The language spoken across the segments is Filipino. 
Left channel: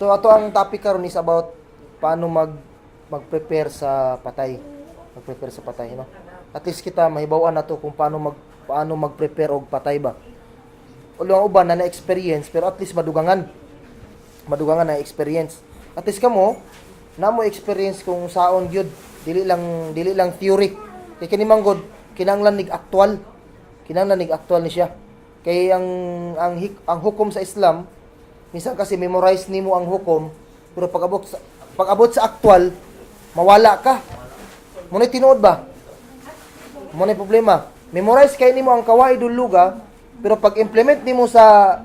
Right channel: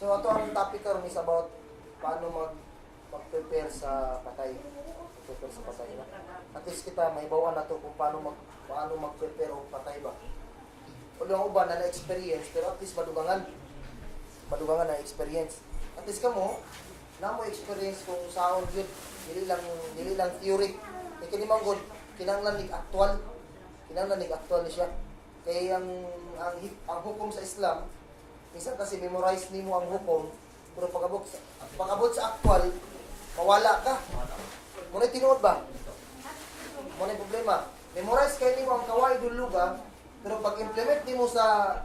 So ato ang topic karon is about paano mag-prepare sa patay. Mag-prepare sa patay, no? At least kita mahibaw-an nato kung paano mag-prepare og patay ba. Ulo ang uban na experience pero at least madugangan. Madugangan na experience. At least kamo na mo experience kung saon gyud, dili lang theory. Kay kini manggod kinahanglan nig aktual. Kinahanglan nig aktual ni siya. Kay ang hukom sa Islam, minsan kasi memorize nimo ang hukom, pero pag-abot sa aktual, mawala ka. Muna tinuod ba? Muna problema. Memorize kay nimo ang kawaidul luga, pero pag-implement nimo sa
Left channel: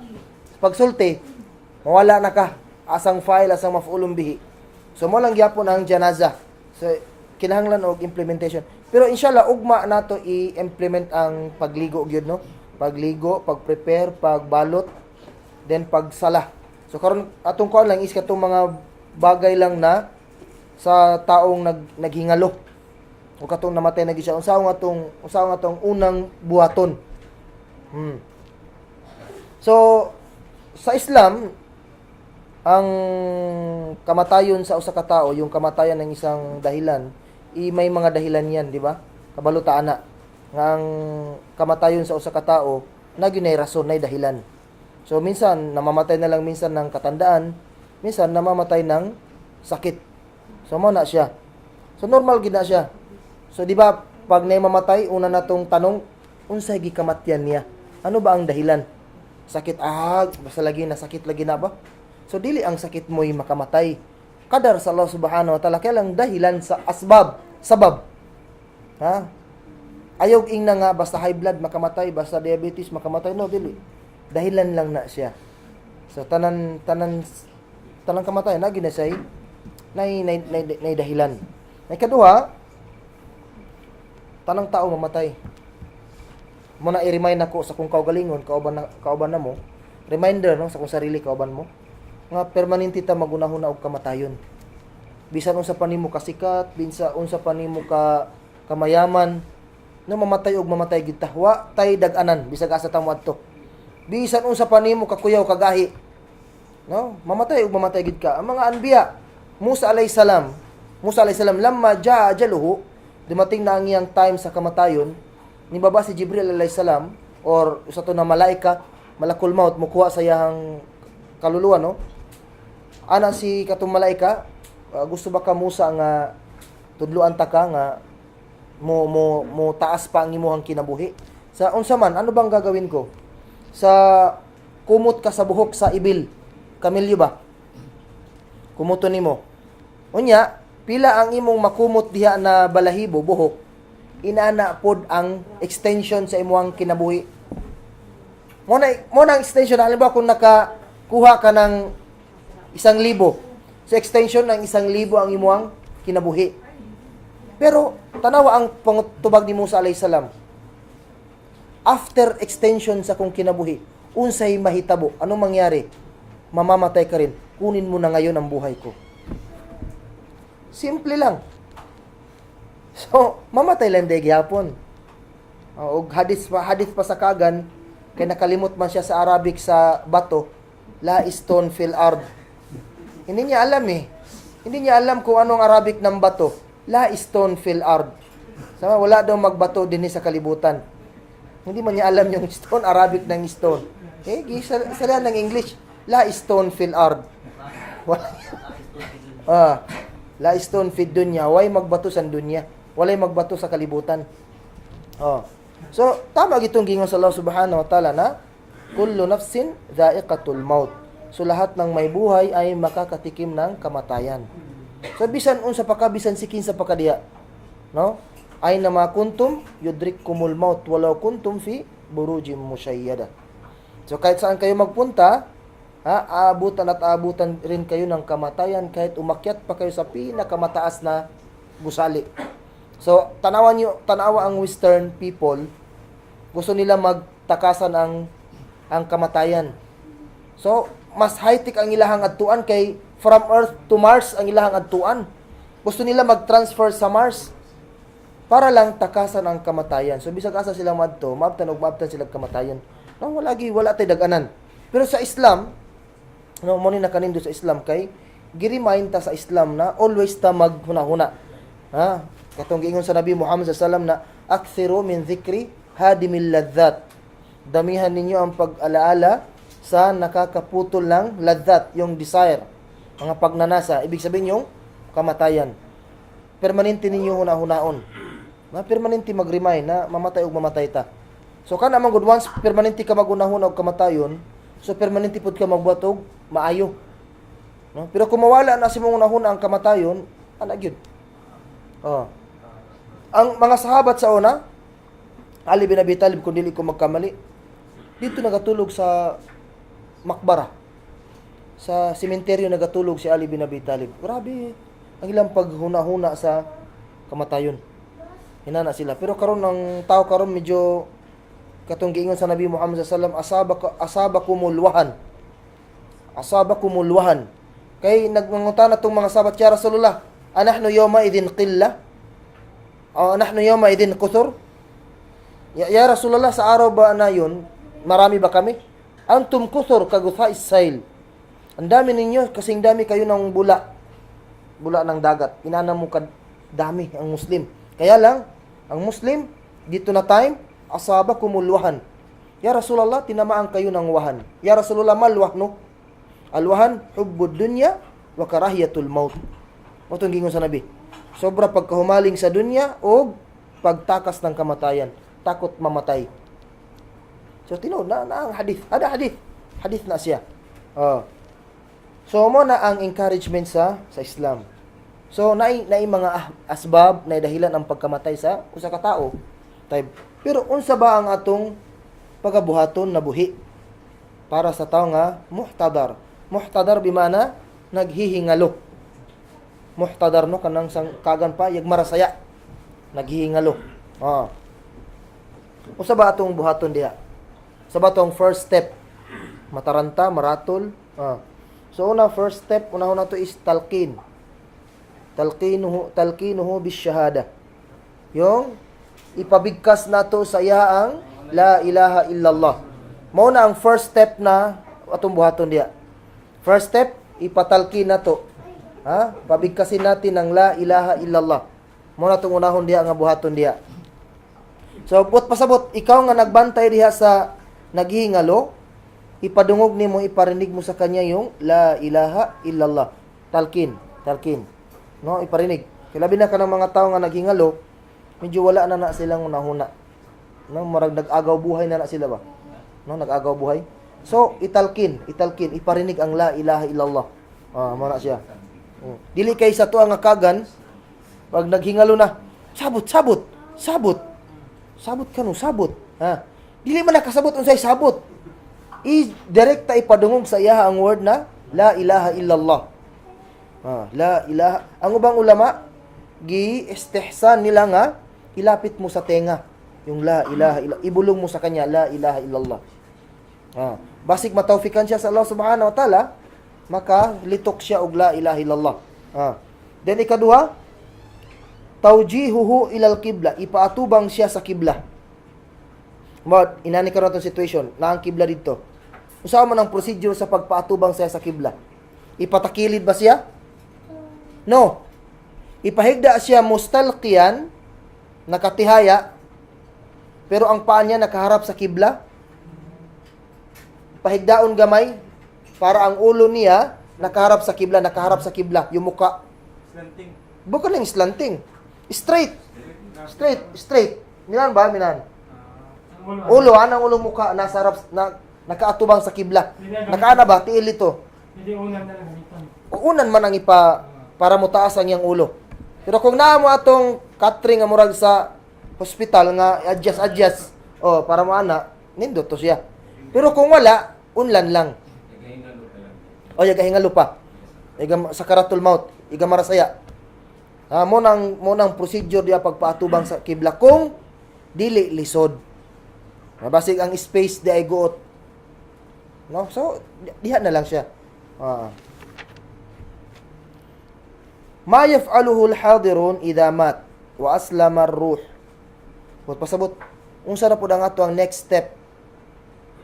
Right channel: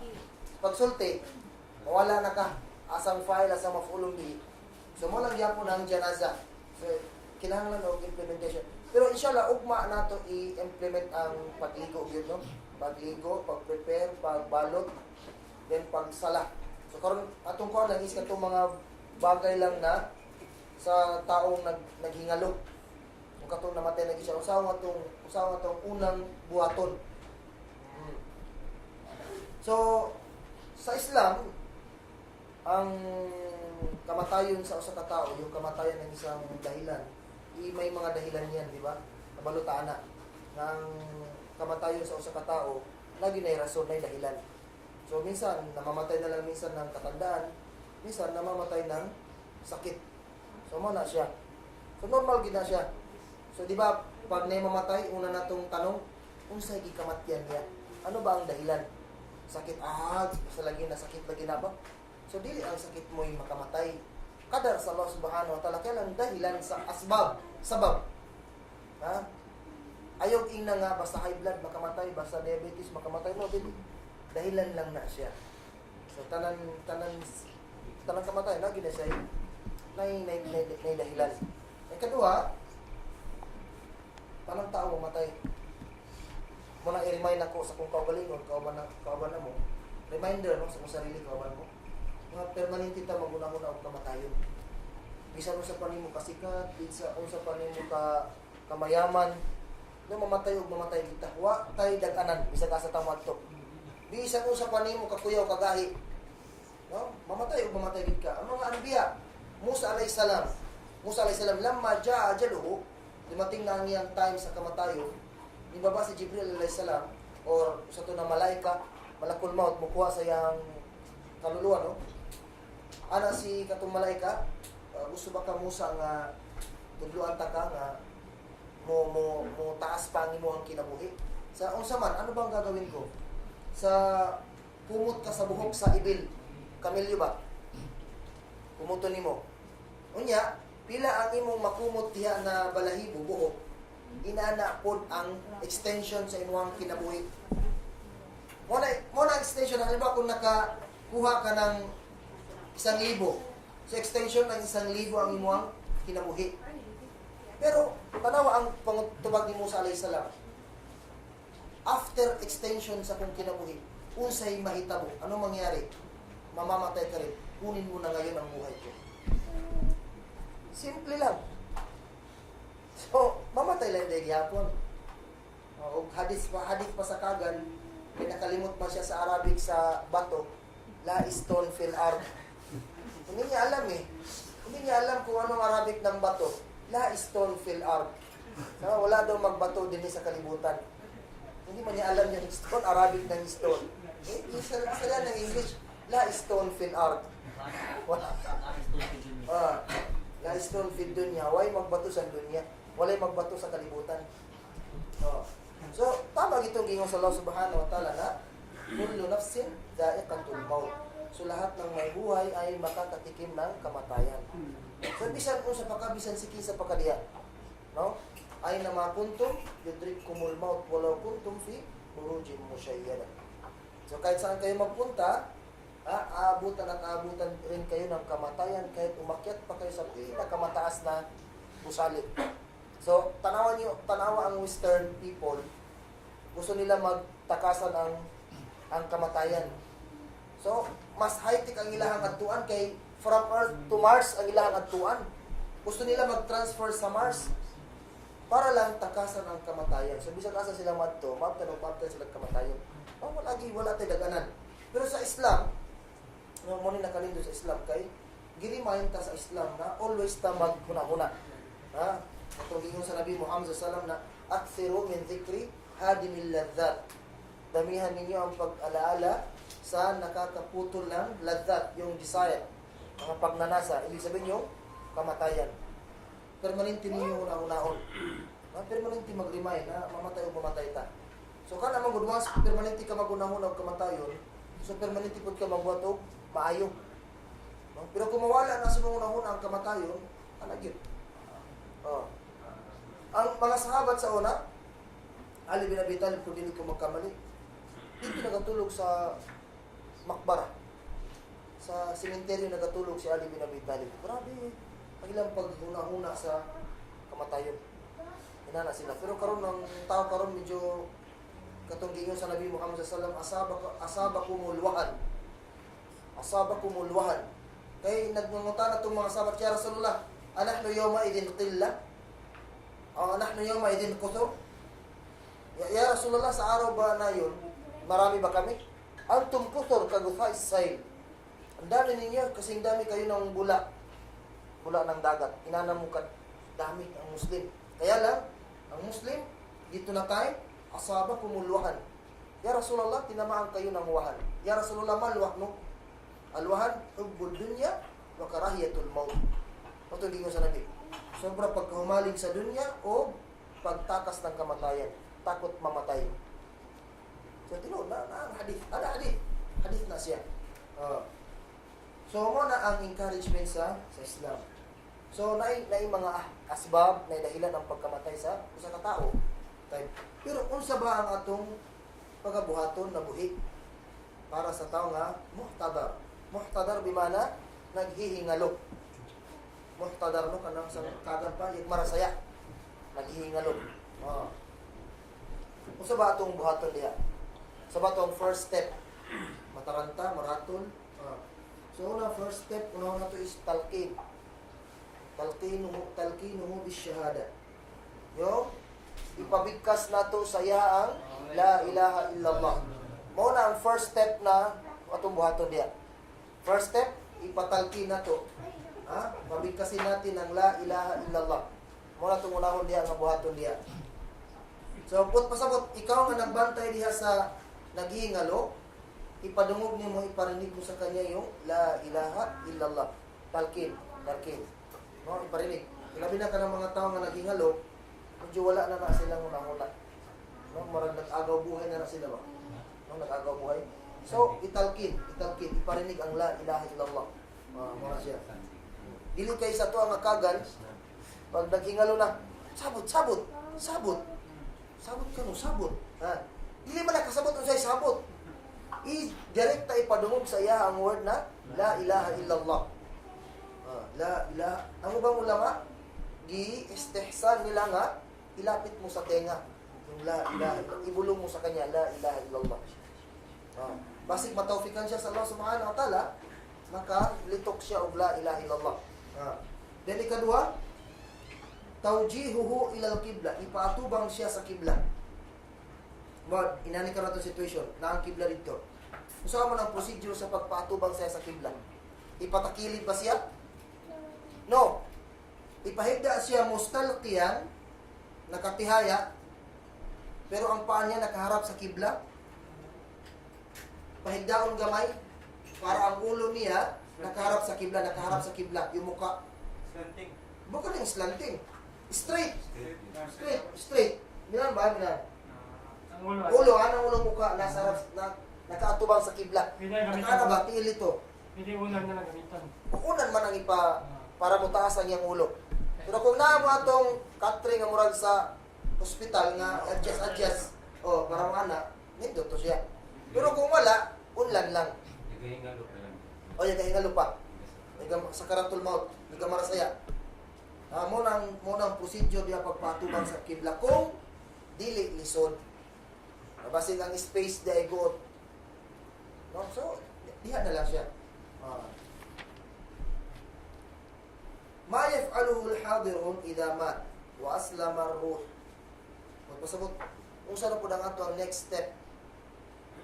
pagsulti, mawala na ka. Asang file, asang mafulong bihi. So mo lang gyapon ang janaza. So kinahanglan og implementation. Pero inshallah ugma nato i-implement ang pagligo gyud, no? Pagligo, pag-prepare, pagbalot, then pagsala. So karon atong kuan lang is katong mga bagay lang na sa taong naghingalo. O katong namatay na gyud siya. Unsaon atong unang buhaton. So sa Islam, ang kamatayon sa usa ka tawo, yung kamatayan ng isang dahilan, may mga dahilan yan, di ba? Kabalutaan na. Nga ang kamatayon sa usa ka tawo, nagyunay rason, nay dahilan. So minsan namamatay na lang minsan ng katandaan, minsan namamatay ng sakit. So mo na siya. So normal gid na siya. So di ba pag nay mamatay, una natong tanong, unsay gikamatyan niya? Ano ba ang dahilan? Sakit basta lagi na sakit lagi na ba? So dili ang sakit mo'y makamatay. Kadar sa Allah Subhanahu wa Ta'ala kaya lang dahilan sa sabab. Ha? Ayaw ing na nga basta high blood makamatay, basta diabetes makamatay, no, dili. Dahilan lang na siya. So tanan kamatay na ginasay nay dahilan. Nay kaduha, tanang tao mamatay. Muna i-remind ako sa kung kaugalingon, kauban na mo. Reminder no sa kung sarili kauban mo. Nga permanente ta magunahon na og kamatayon. Bisan unsa pa nimo kasikat, bisan unsa pa nimo kamayaman, no mamatay og mamatay gid ta. Wa tay dag-anan bisag asa ta moadto. Bisan unsa pa nimo kakuyaw kagahi, no? Mamatay og mamatay gid ka. Ang mga anbiya, Musa alayhis salam lamma jaa ajaluhu, dumating na ang iyang time sa kamatayon, nibaba si Jibril alayhis salam or usa to na malaika, malakul maut mukuha sa iyang kaluluwa, no? Ana si katong malaika, gusto ba ka Musa nga tudluan ta ka nga mo taas pa ang imong kinabuhi? Sa unsa man, ano bang gagawin ko? Sa kumot ka sa buhok sa ibil, kamilyo ba? Kumuton nimo. Unya, pila ang imong makumot diha na balahibo, buhok, inana pod ang extension sa imong kinabuhi. Mo na extension, alam ba kung nakakuha ka ng 1,000, sa extension ng 1,000 ang imong kinabuhi. Pero tanawa ang pangutubag ni Musa alayhis salam. After extension sa kong kinabuhi, unsay mahitabo? Anong mangyari? Mamamatay ka rin. Kunin mo na ngayon ang buhay ko. Simple lang. So, mamatay lang day gyapon. Og hadith pa sa kagan, kay nakalimot man siya sa Arabic sa bato, la stone fil ard. Hindi niya alam eh. Hindi niya alam kung anong Arabic ng bato. La stone fil ard. Sama, wala daw magbato din sa kalibutan. Hindi man niya alam yung stone, Arabic ng stone. Sala ng English. La stone fil ard. La stone fil dunya. Way magbato sa dunya. Walay magbato sa kalibutan. So, tama gitong gingon sa Allah Subhanahu wa Ta'ala na kullu nafsin dha'iqatul maut. So lahat ng may buhay ay makakatikim ng kamatayan. So bisan unsa pa ka, bisan sikin sa pakadiya, no? Ay na makuntum yudrikkumul maut walau kuntum fi burujim musyayyada. So kahit saan kayo magpunta, aabutan rin kayo ng kamatayan kahit umakyat pa kayo sa pinakamataas na gusali. So tanawa ang Western people, gusto nila magtakasan ang kamatayan. So mas high-tech ang ilahang adtuan kay from Earth to Mars ang ilahang adtuan. Gusto nila mag-transfer sa Mars para lang takasan ang kamatayan. So bisag asa sila maabtan sila kamatayan. No, wala tay dag-anan. Pero sa Islam, No, mo ni nakanindo sa Islam kay girimahin ta sa Islam na always ta maghuna-huna. Ha? Katong giingon sa Nabi Muhammad sallallahu alaihi wasallam na akthiru min dhikri hadimil ladzat. Damihan ninyo ang pag-alaala sa nakakaputol ng ladzat, yung desire, mga pagnanasa, ibig sabihin yung kamatayan. Permanente ninyo huna-hunaon. Na permanente mag-remind na mamatay o mamatay ta. So kana man good once permanente ka magunahon og kamatayon, so permanente pud ka magbuhat og maayo. No? Pero kung mawala na si mong unahon ang kamatayon, ana gyud. Oh. Ang mga sahabat sa una, Ali bin Abi Talib kung dili ko magkamali, dito nagatulog sa makbara. Sa sementeryo nagatulog si Ali bin Abi Talib. Grabe ang ilang paghuna-huna sa kamatayon. Hinana sila. Pero karon ng tao karon medyo katong giingon sa Nabi Muhammad sallallahu alaihi wasallam, asabakumul wahan. Kay nagmangutan na tong mga sahabat, ya Rasulullah, anahnu yawma idin qilla? O anahnu yawma idin kuthur? Ya Rasulullah, sa araw ba na yun, marami ba kami? Antum kuthur kaguthais sail. Ang dami ninyo, kasing dami kayo ng bula ng dagat. Inana mo dami ang Muslim. Kaya lang, ang Muslim, dito na time, asabakumul wahan. Ya Rasulullah, tinamaan kayo ng wahan. Ya Rasulullah, mal wahnu? Al-wahan, hubbud dunya, wa karahiyatul maut. Matong gingon sa Nabi. Sobra pagkahumaling sa dunya o pagtakas ng kamatayan. Takot mamatay. So, tinuod na ang hadith. Ada hadith. Hadith na siya. So, mo na ang encouragement sa Islam. So, naay mga asbab, naay dahilan ang pagkamatay sa usa ka tao. Pero unsa ba ang atong pagabuhaton na buhi para sa tao nga muhtadar? Muhtadar bimana naghihingalo. Muhtadar no kanang sang kagan pa yag marasaya. Naghihingalo. Unsa ba atong buhaton diha? Sa batong first step, mataranta, maratol. So una first step, una to is talqin. Talqinuhu bis shahada. Yung ipabigkas nato sa iyaang la ilaha illallah. Mao na ang first step na atong buhaton diha. First step, ipatalkin nato. Pabigkasin natin ang la ilaha illallah. Mao na tong unahon diha nga buhaton diha. So pasabot ikaw nga nagbantay diha sa naghihingalo, ipadungog nimo, iparinig mo sa kanya yung la ilaha illallah. Talkin. No, iparinig. Kilabi na ka ng mga tao nga naghingalo, medyo wala na silang unahuna. No, marag nag-agaw buhay na sila ba? No, nag-agaw buhay. So, italkin, iparinig ang la ilaha illallah. Mao na siya. Dili kay sa tuwa nga kagan, pag naghingalo na, sabot. Sabot ka no, sabot. Dili man nakasabot unsay sabot. Direkta ipadungog sa iya ang word na la ilaha illallah. La ilaha. Ang ubang ulama, gi-istihsan nila nga, ilapit mo sa tenga yung la ilaha illallah. Ibulong mo sa kanya, la ilaha illallah. Basig matawfikan siya sa Allah subhanahu wa ta'ala, makalitok siya og la ilaha illallah. Then ikaduha, tawjihuhu ilal qibla, ipaatubang siya sa kibla. Inani karon atong situation, na ang kibla dito. Usaha man ang procedure sa pagpaatubang siya sa kibla. Ipatakilid ba siya? No. Ipahigda siya mustalqiyan, nakatihaya, pero ang paa niya nakaharap sa kibla. Pahigdaon gamay para ang ulo niya nakaharap sa kibla, yung muka. Slanting. Bukan lang slanting. Straight. Minan ba? Minan. Ulo, anang ulo muka nasa harap nakaatubang sa kibla. Nakaana ba tiil ito? Hindi unan na gamitan. Unan man ang para mo taas ang iyang ulo. Pero kung naa mo atong catering nga murag sa hospital nga adjust para mo ana, nindot to siya. Pero kung wala, unlan lang. Yagahingalo pa. Sakaratul maut, iga marasaya. Mo nang procedure dia pagpaatubang sa kibla kung dili lisod. Basig ang space di ay guot. No? So, diha na lang siya. Ma yaf'aluhu al-hadirun idha mat wa aslama ar-ruh. Pasabot, unsa na pud ang ato ang next step?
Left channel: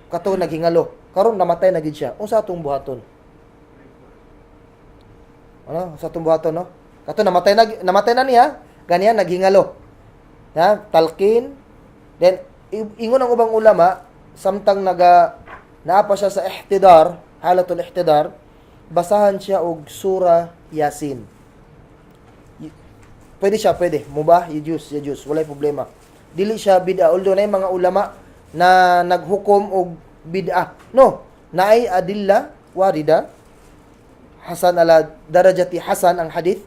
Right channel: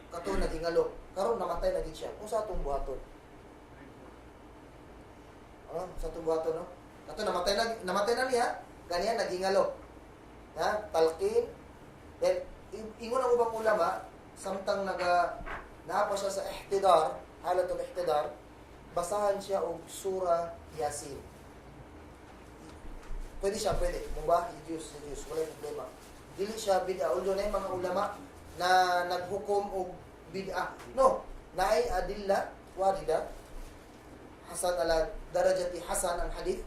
Kato naghingalo. Karon namatay na gid siya. Unsa atong buhaton? Ano, sa tumbuhaton, no? Kato namatay na niya, ganyan naghingalo. Ha? Talqin. Then ingon ang ubang ulama, samtang naapa siya sa ihtidar, halatul ihtidar, basahan siya og sura Yasin. Pwede siya, pwede. Mubah, yajus, walay problema. Dili siya bid'a. Although na yung mga ulama na naghukom og bid'a. No, naay adilla warida hasan ala darajati hasan ang hadith.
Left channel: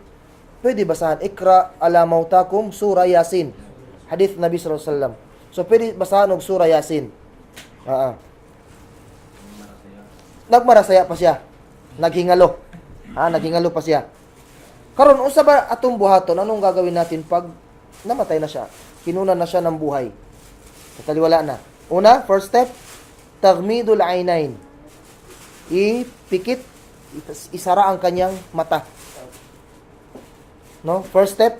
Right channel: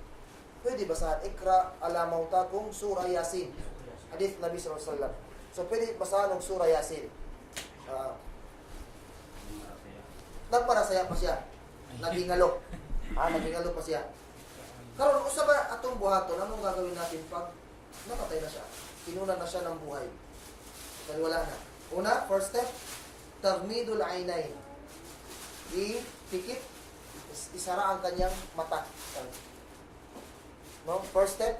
Pwede basahan ikra ala mautakum sura Yasin. Hadith Nabi sallallahu alaihi wasallam. So pwede basahan og sura Yasin. Nagmarasaya pa siya. Naghingalo. Naghingalo pa siya. Karon unsa ba atong buhaton? Anong gagawin natin pag namatay na siya? Kinunan na siya ng buhay. Taliwala na. Una, first step, taghmidul aynain. Ipikit, isara ang kanyang mata. No? First step,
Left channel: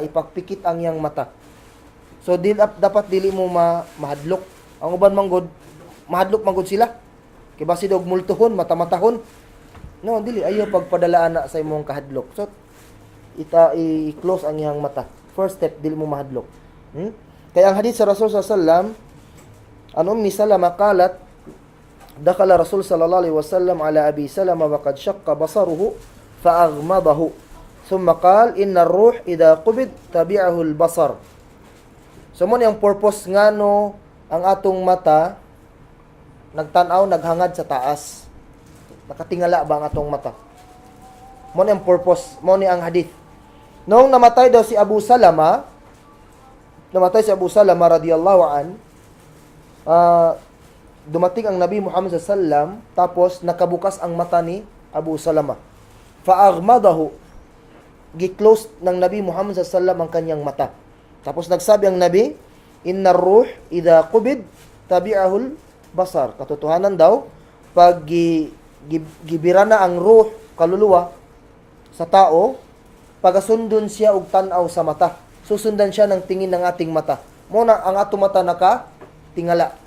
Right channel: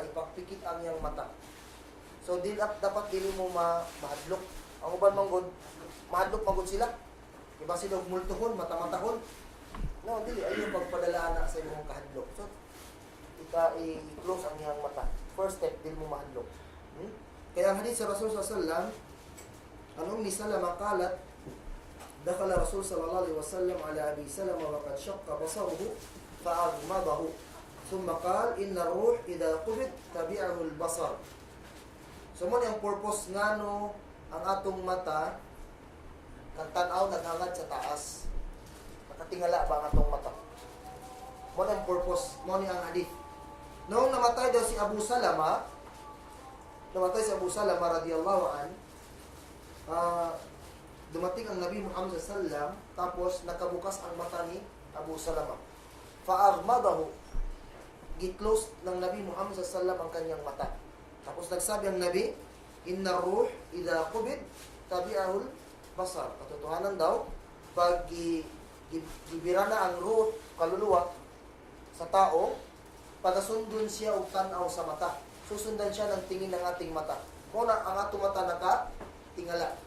ipakpikit ang iyang mata. So dapat dili mo mahadlok. Ang uban manggod, mahadlok manggod sila. Kay basi dog multuhon, mata-matahon. No, dili ayo pagpadalaan na sa imong kahadlok. So i-close ang iyang mata. First step, dili mo mahadlok. Kaya ang hadith sa Rasul sallallahu alaihi wasallam, an Ummi Salama qalat, dakhala Rasul sallallahu alaihi wasallam ala Abi Salama wa qad shaqqa basaruhu fa aghmadahu. Thumma qala inna ar-ruh idha qubid tabi'ahu al-basar. So mo ang purpose ngano ang atong mata nagtan-aw naghangad sa taas. Nakatingala ba ang atong mata? Mo ang purpose, mo ni ang hadith. Noong namatay daw si Abu Salama, radhiyallahu an, dumating ang Nabi Muhammad sallallahu alaihi wasallam, tapos nakabukas ang mata ni Abu Salama. Fa'aghmadahu, gi-close ng Nabi Muhammad sallallahu alaihi wasallam ang kanyang mata. Tapos nagsabi ang Nabi, innar ruh idha qubid tabi'ahul basar. Katotohanan daw, pag gibira na ang ruh, kaluluwa, sa tao, pagasundon siya og tan-aw sa mata. Susundan siya ng tingin ng ating mata. Muna ang atong mata naka-tingala.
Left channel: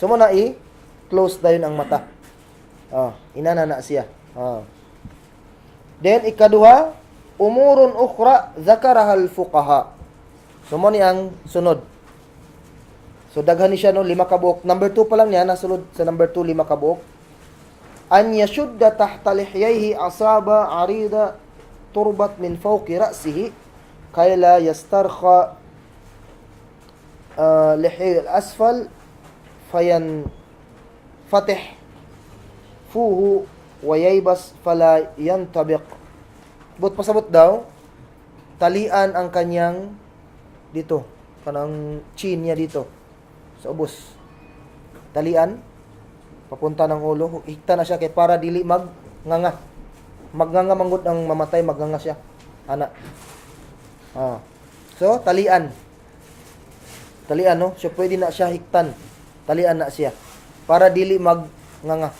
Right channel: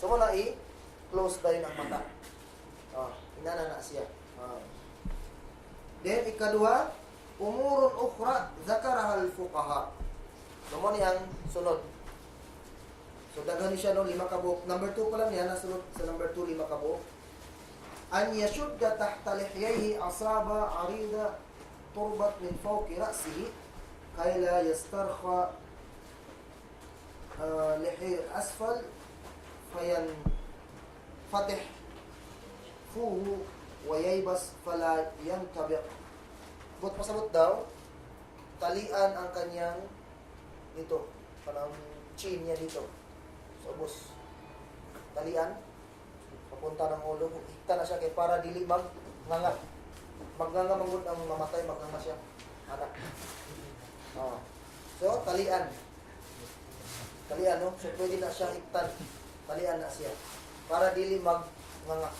So muna i-close dayon ang mata. Inana na siya. Then ikaduha, umurun ukhra zakaraha al-fuqaha. So mo ni ang sunod. So daghan ni siya no 5 ka buok. Number 2 pa lang niya nasulod sa number 2 5 ka buok. An yashudda tahta lihyayhi asaba arida turbat min fawqi ra'sihi kay la yastarkha lihy al-asfal fayan fatih fuhu wa yaybas fala yantabiq. But pasabot daw, talian ang kanyang dito, kanang chin niya dito sa ubos. Talian papunta ng ulo, higta na siya kay para dili magnganga. Magnganga manggod ang mamatay, magnganga siya. So talian. Talian no, so pwede na siya hiktan. Talian na siya para dili magnganga.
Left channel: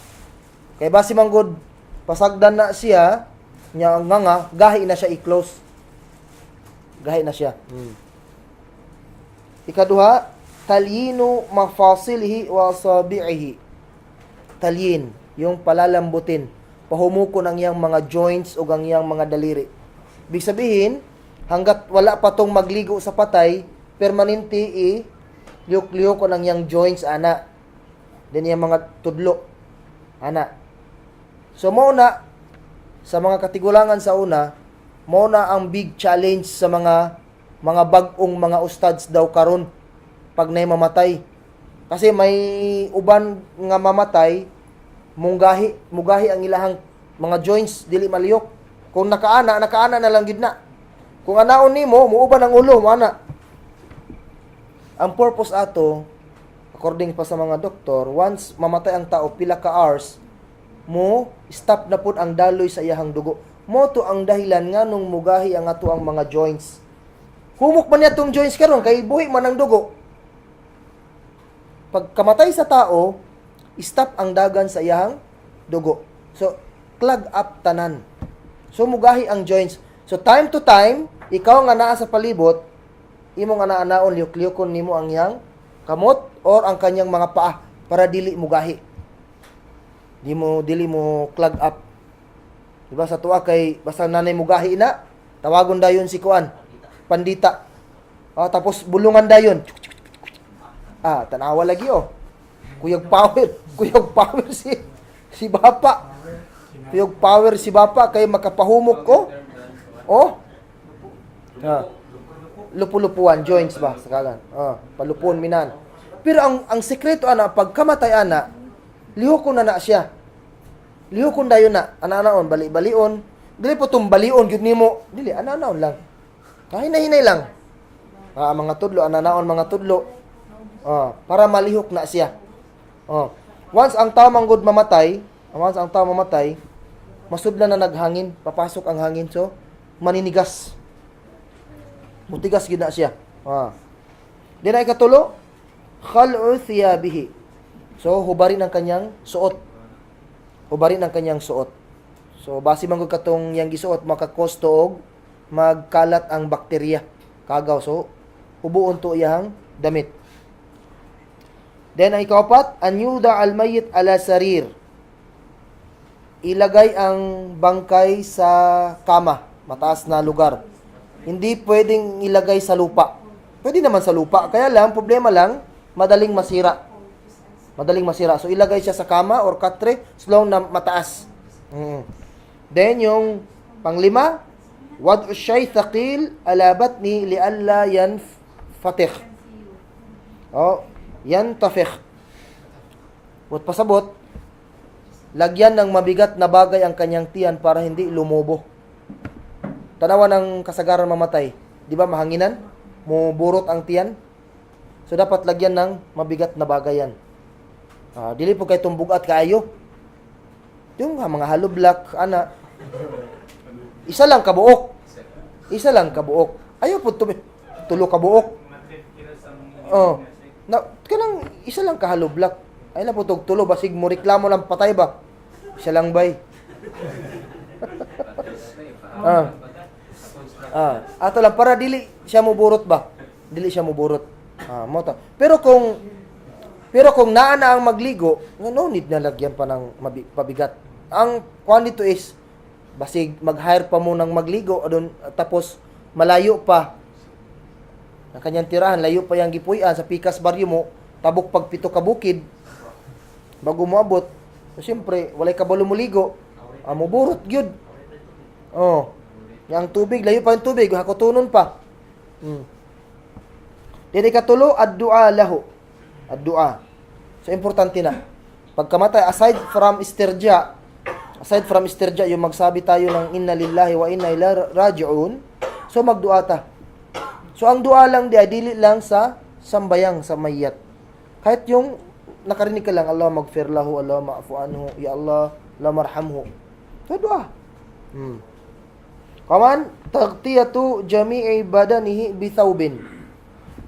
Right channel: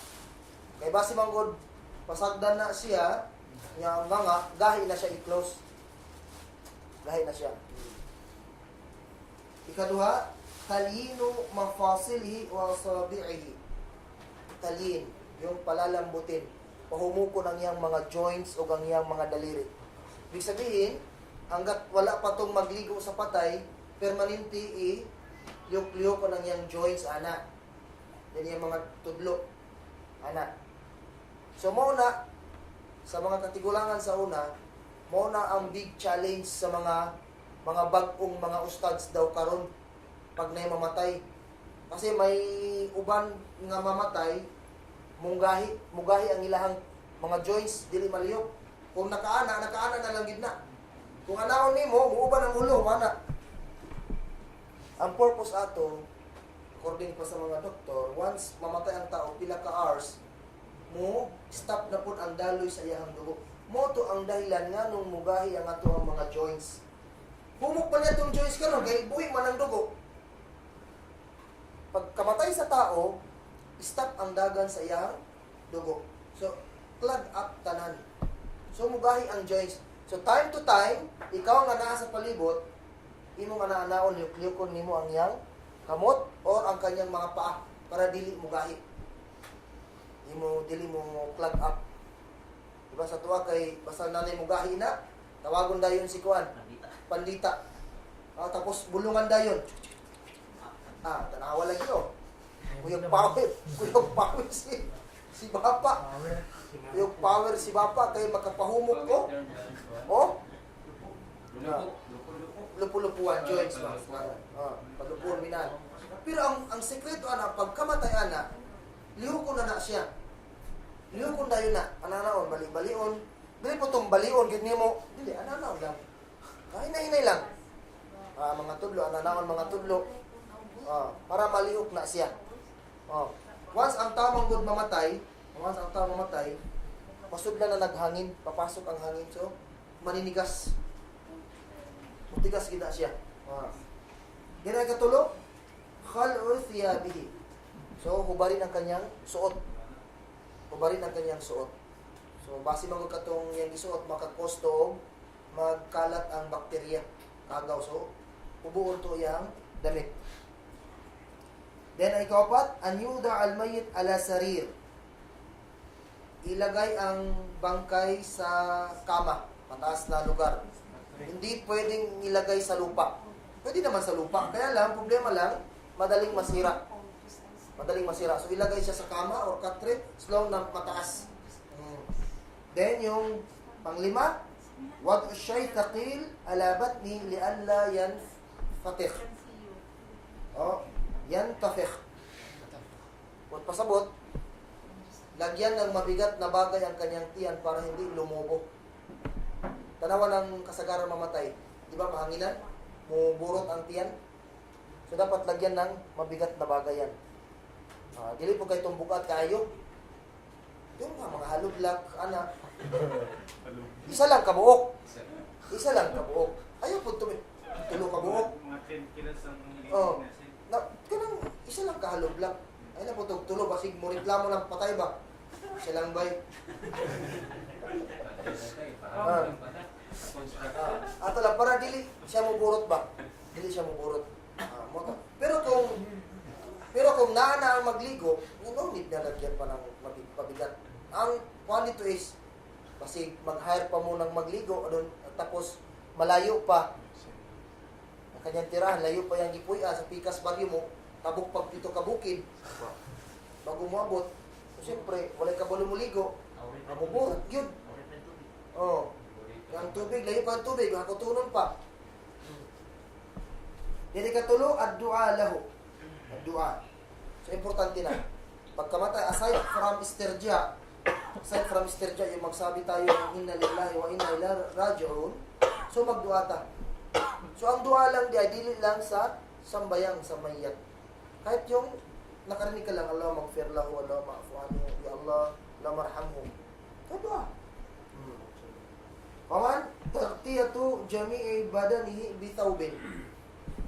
Kay basi manggod pasagdan na siya nya nganga, gahi na siya i-close. Gahi na siya. Ikaduha, talyinu mafasilihi wa asabi'ihi. Talyin, yung palalambutin, pahumukon ang iyang mga joints o ang iyang mga daliri. Ibig sabihin, hanggat wala pa tong magligo sa patay, permanente liyok-liyok ang iyang joints, ana. Then yung mga tudlo, ana. So, muna, sa mga katigulangan sa una, muna ang big challenge sa mga bag-ong mga ustads daw karon pag nay mamatay. Kasi may uban nga mamatay, mugahi ang ilahang mga joints dili maliyok. Kung nakaana na lang gid na. Kung anaon nimo, muuban ang ulo mo ana. Ang purpose ato, according pa sa mga doktor, once mamatay ang tao pila ka hours, mo stop na pud ang daloy sa iyahang dugo. Mo to ang dahilan nganong mugahi ang ato ang mga joints. Humok man niya tong joints karon kay buhi man ang dugo. Pag kamatay sa tao, stop ang dagan sa iyang dugo. So, clog up tanan. So, mugahi ang joints. So, time to time, ikaw nga naa sa palibot, imo nga naanaon, liyok-liyokon nimo ang iyang kamot or ang kanyang mga paa para dili mugahi. Dili mo clog up. Diba sa tuwa kay basta nanay mo gahi na, tawagon dayon si kuan, pandita. Tapos bulungan dayon. Tanawa lagi Kuyog power si bapa. Kuyog power si bapa kay makapahumok ko. Lupu-lupuan joints ba sakalan. Palupon minan. Pero ang sekreto pagkamatay lihokon na siya. Lihokon dayon na, ana-anaon bali-balion. Dili po tong balion gyud nimo. Dili ana-anaon lang. Hinay-hinay lang. Mga tudlo, ana-anaon mga tudlo. Para malihok na siya. Once ang tao manggod mamatay, masudlan na naghangin, papasok ang hangin, so maninigas. Mutigas gid na siya. Di na ikatulo, khal'u thiyabihi. So hubarin ang kanyang suot. So base man gud katong yang gisuot makakos og magkalat ang bakterya kagaw. So ubuon to iyang damit. Then ang ikaapat, an yuda al mayyit ala sarir. Ilagay ang bangkay sa kama, mataas na lugar. Hindi pwedeng ilagay sa lupa. Pwede naman sa lupa, kaya lang problema lang madaling masira. So ilagay siya sa kama or katre, slow na mataas. Then yung panglima, wad'u syai thaqil ala batni li alla yanfatikh. Yantafik. At pasabot, lagyan ng mabigat na bagay ang kanyang tiyan para hindi lumobo. Tanawa ng kasagaran mamatay. Di ba mahanginan? Muburot ang tiyan. So dapat lagyan ng mabigat na bagay yan. Dili po kay tumbugat kaayo. Yung mga haloblak, Isa lang kabuok. Ayaw po tulo kabuok. Kanang isa lang kahaloblak. Ay na po tulo basig mo reklamo lang patay ba? Isa lang bay. Ato lang para dili siya mo burot ba? Mota. Pero kung naa na ang magligo, no need na lagyan pa ng pabigat. Ang kwan dito is basig mag-hire pa mo ng magligo adun tapos malayo pa. Ang kanyang tirahan, layo pa yung gipuy-an sa pikas baryo mo, tabok pagpito ka bukid, bago mo abot. So, siyempre, walay kabalo mo ligo, muburot gyud. Yung tubig, layo pa yung tubig, hakutunon pa. Dili katulo, ad-du'a lahu. Ad-du'a. So, importante na. Pagkamatay, aside from istirja, yung magsabi tayo ng inna lillahi wa inna ilaihi raji'un, so magdu'a ta. So, ang dua lang dili lang sa sambayang sa mayat. Kahit yung nakarinig ka lang, Allah magfir lahu, Allah ma'fu anhu, ya Allah, Allah marhamhu. So, dua. Kaman, tagtiyatu jami'i badanihi bithawbin.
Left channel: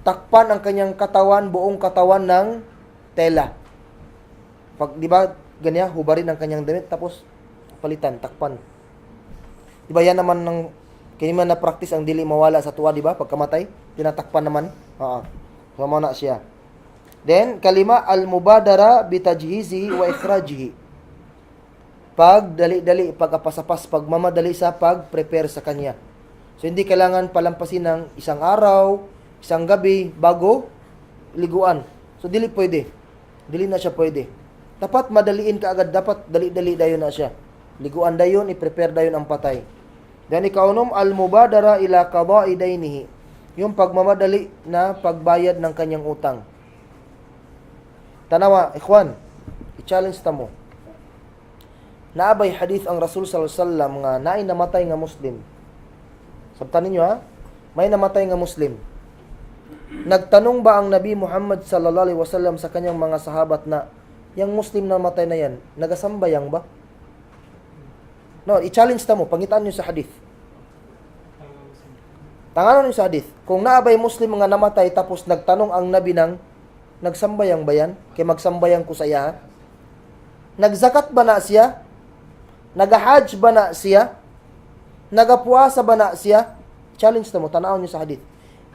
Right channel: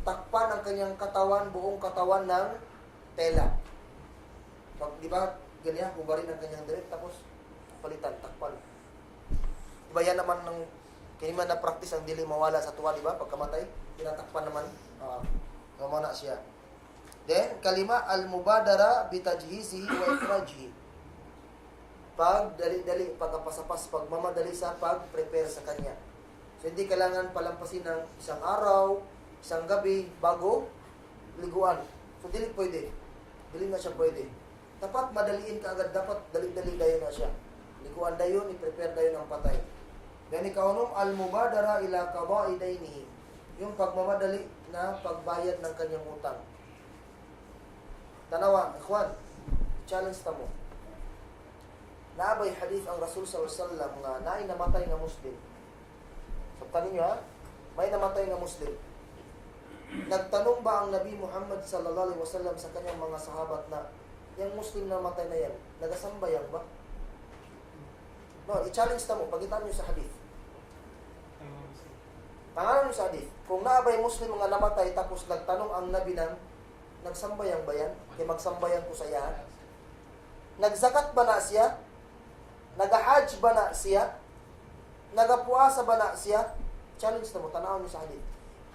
Takpan ang kanyang katawan, buong katawan ng tela. Pag, di ba, ganyan, hubarin ang kanyang damit, tapos palitan, takpan. Di ba yan naman ng kini man na practice ang dili mawala sa tuwa, di ba? Pagkamatay, tinatakpan naman. So mo na siya. Then kalima al-mubadara bitajhizihi wa ikhrajihi. Pag dali-dali pagkapasapas, pagmamadali sa pag-prepare sa kanya. So hindi kailangan palampasin ng isang araw, isang gabi bago liguan. So dili pwede. Dili na siya pwede. Dapat madaliin ka agad, dapat dali-dali dayon na siya. Liguan dayon, i-prepare dayon ang patay. Dan ikaunom, al-mubadara ila qada'i dainihi. Yung pagmamadali na pagbayad ng kanyang utang. Tanawa, ikhwan, i-challenge ta mo. Naabay hadith ang Rasul sallallahu alaihi wasallam nga naay namatay nga Muslim. Sabtan ninyo may namatay nga Muslim. Nagtanong ba ang Nabi Muhammad sallallahu alaihi wasallam sa kanyang mga sahabat na yang Muslim na namatay na yan, nagasambayang ba? No, i-challenge ta mo, pangitaan niyo sa hadith. Tanganon niyo sa hadith. Kung naabay Muslim nga namatay tapos nagtanong ang Nabi ng nagsambayang ba yan? Kay magsambayang ko sa iya. Nagzakat ba na siya? Nagahajj ba na siya? Nagapuasa ba na siya? Challenge ta mo, tanawon niyo sa hadith.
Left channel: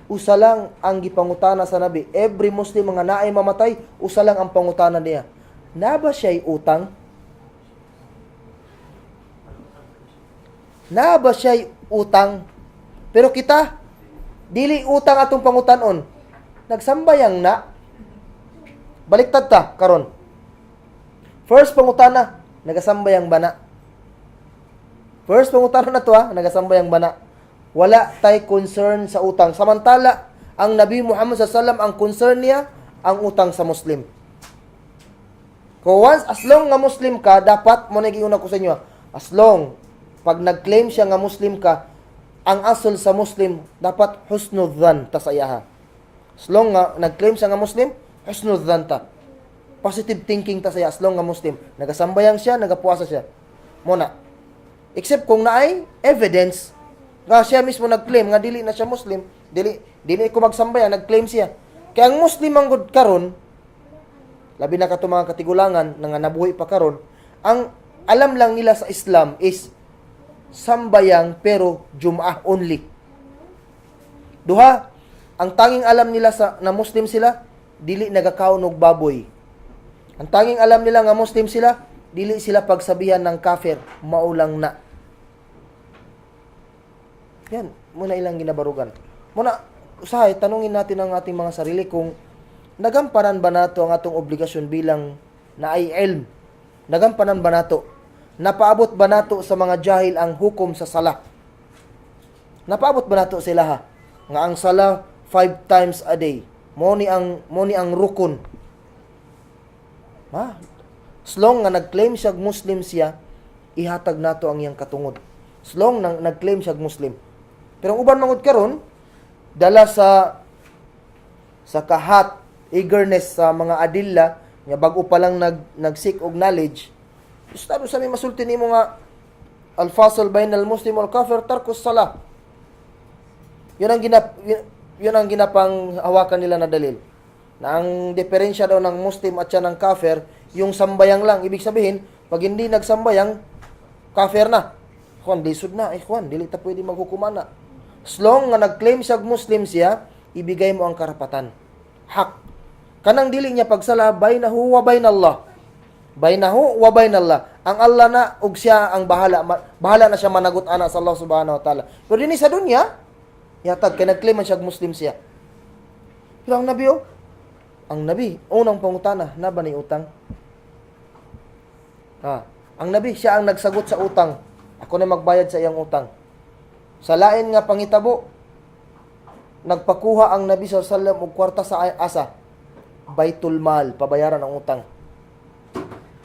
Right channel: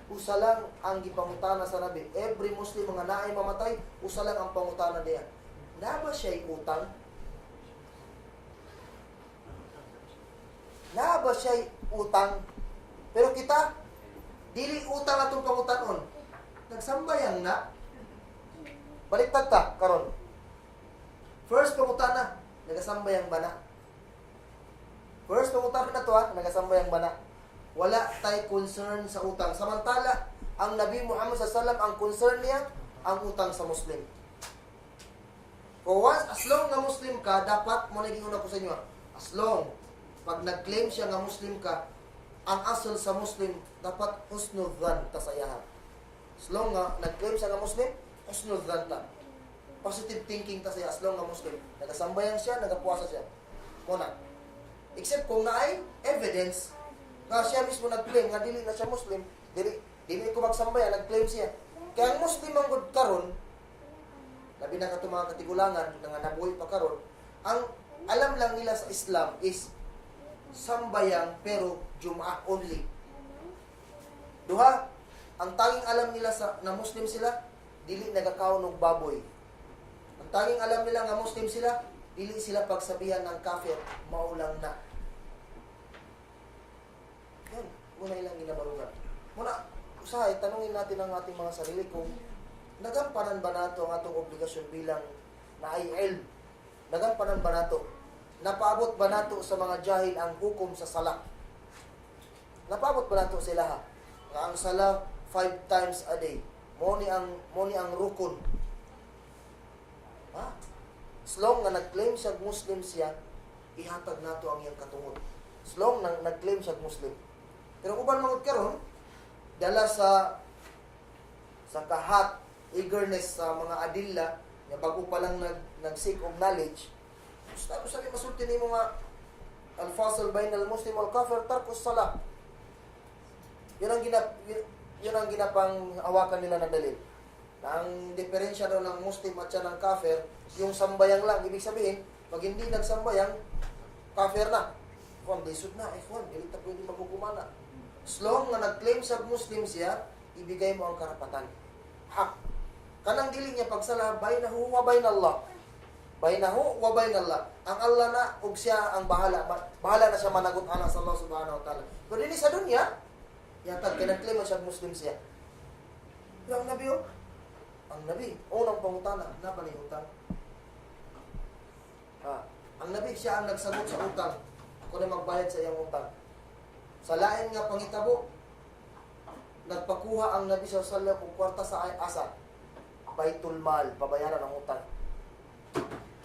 Usa lang ang gipangutana sa Nabi. Every Muslim nga naay mamatay, usa lang ang pangutana niya. Na ba siya'y utang? Na ba siya utang? Pero kita, dili utang atong pangutanon. Nagsambayang na. Baliktad ta, karon. First pangutana, nagasambayang bana. First pangutana na to nagasambayang bana. Wala tay concern sa utang. Samantala, ang Nabi Muhammad SAW, ang concern niya, ang utang sa Muslim. Kung once, as long nga Muslim ka, dapat, mo nagiuna ko sa inyo, as long, pag nag-claim siya nga Muslim ka, ang asol sa Muslim, dapat husnul dhan ta sa iyaha. As long nga, nag-claim siya nga Muslim, husnul dhan ta. Positive thinking ta sa iya, as long nga Muslim. Nagasambayang siya, nagapuasa siya. Muna. Except kung naay evidence, nga siya mismo nag-claim, nga dili na siya Muslim, dili ko magsambayan, nag-claim siya. Kaya ang Muslim ang good karon, labi na kato mga katigulangan, nga nabuhi pa karon, ang alam lang nila sa Islam is sambayang pero Jum'ah only. Duha, ang tanging alam nila na Muslim sila, dili nagakaon og baboy. Ang tanging alam nila nga Muslim sila, dili sila pagsabihan ng kafir, maulang na. Yan, muna ilang ginabarugan. Muna, usahay, tanungin natin ang ating mga sarili kung nagampanan ba nato ang atong obligasyon bilang naay ilm? Nagampanan ba nato? Napaabot ba nato sa mga jahil ang hukom sa sala? Napaabot ba nato sila ha? Nga ang sala 5 times a day. Mo ni ang rukun. Ha? Slong nga nag-claim siya Muslim siya, ihatag nato ang iyang katungod. Slong nang nag-claim siya Muslim. Pero ang uban mangod karon, dala sa kahat, eagerness sa mga adilla, nga bago pa lang nag-seek og knowledge, ustado sa may masulti nimo nga al-fasl bainal muslim wal kafir tarkus salah. Yun ang ginapang hawakan nila na dalil. Na ang diferensya daw ng Muslim at siya ng kafir, yung sambayang lang. Ibig sabihin, pag hindi nagsambayang, kafir na. Kung lisod na, dili ta pwede maghukuman na. As long nga nag-claim siya Muslim siya, ibigay mo ang karapatan. Hak. Kanang dili niya pagsala, bainahu wa bainallah. Bainahu wa bainallah. Ang Allah na, ug siya ang bahala. Bahala na siya managot ana sa Allah subhanahu wa ta'ala. Pero din sa dunya, yatag, kaya nag-claim siya Muslim siya. Pero ang Nabi, unang pangutana, na ba ni utang? Ang Nabi, siya ang nagsagot sa utang. Ako na magbayad sa iyang utang. Sa lain nga pangitabo, nagpakuha ang Nabi SAW og kwarta sa asa. Baitul Mal, pabayaran ang utang.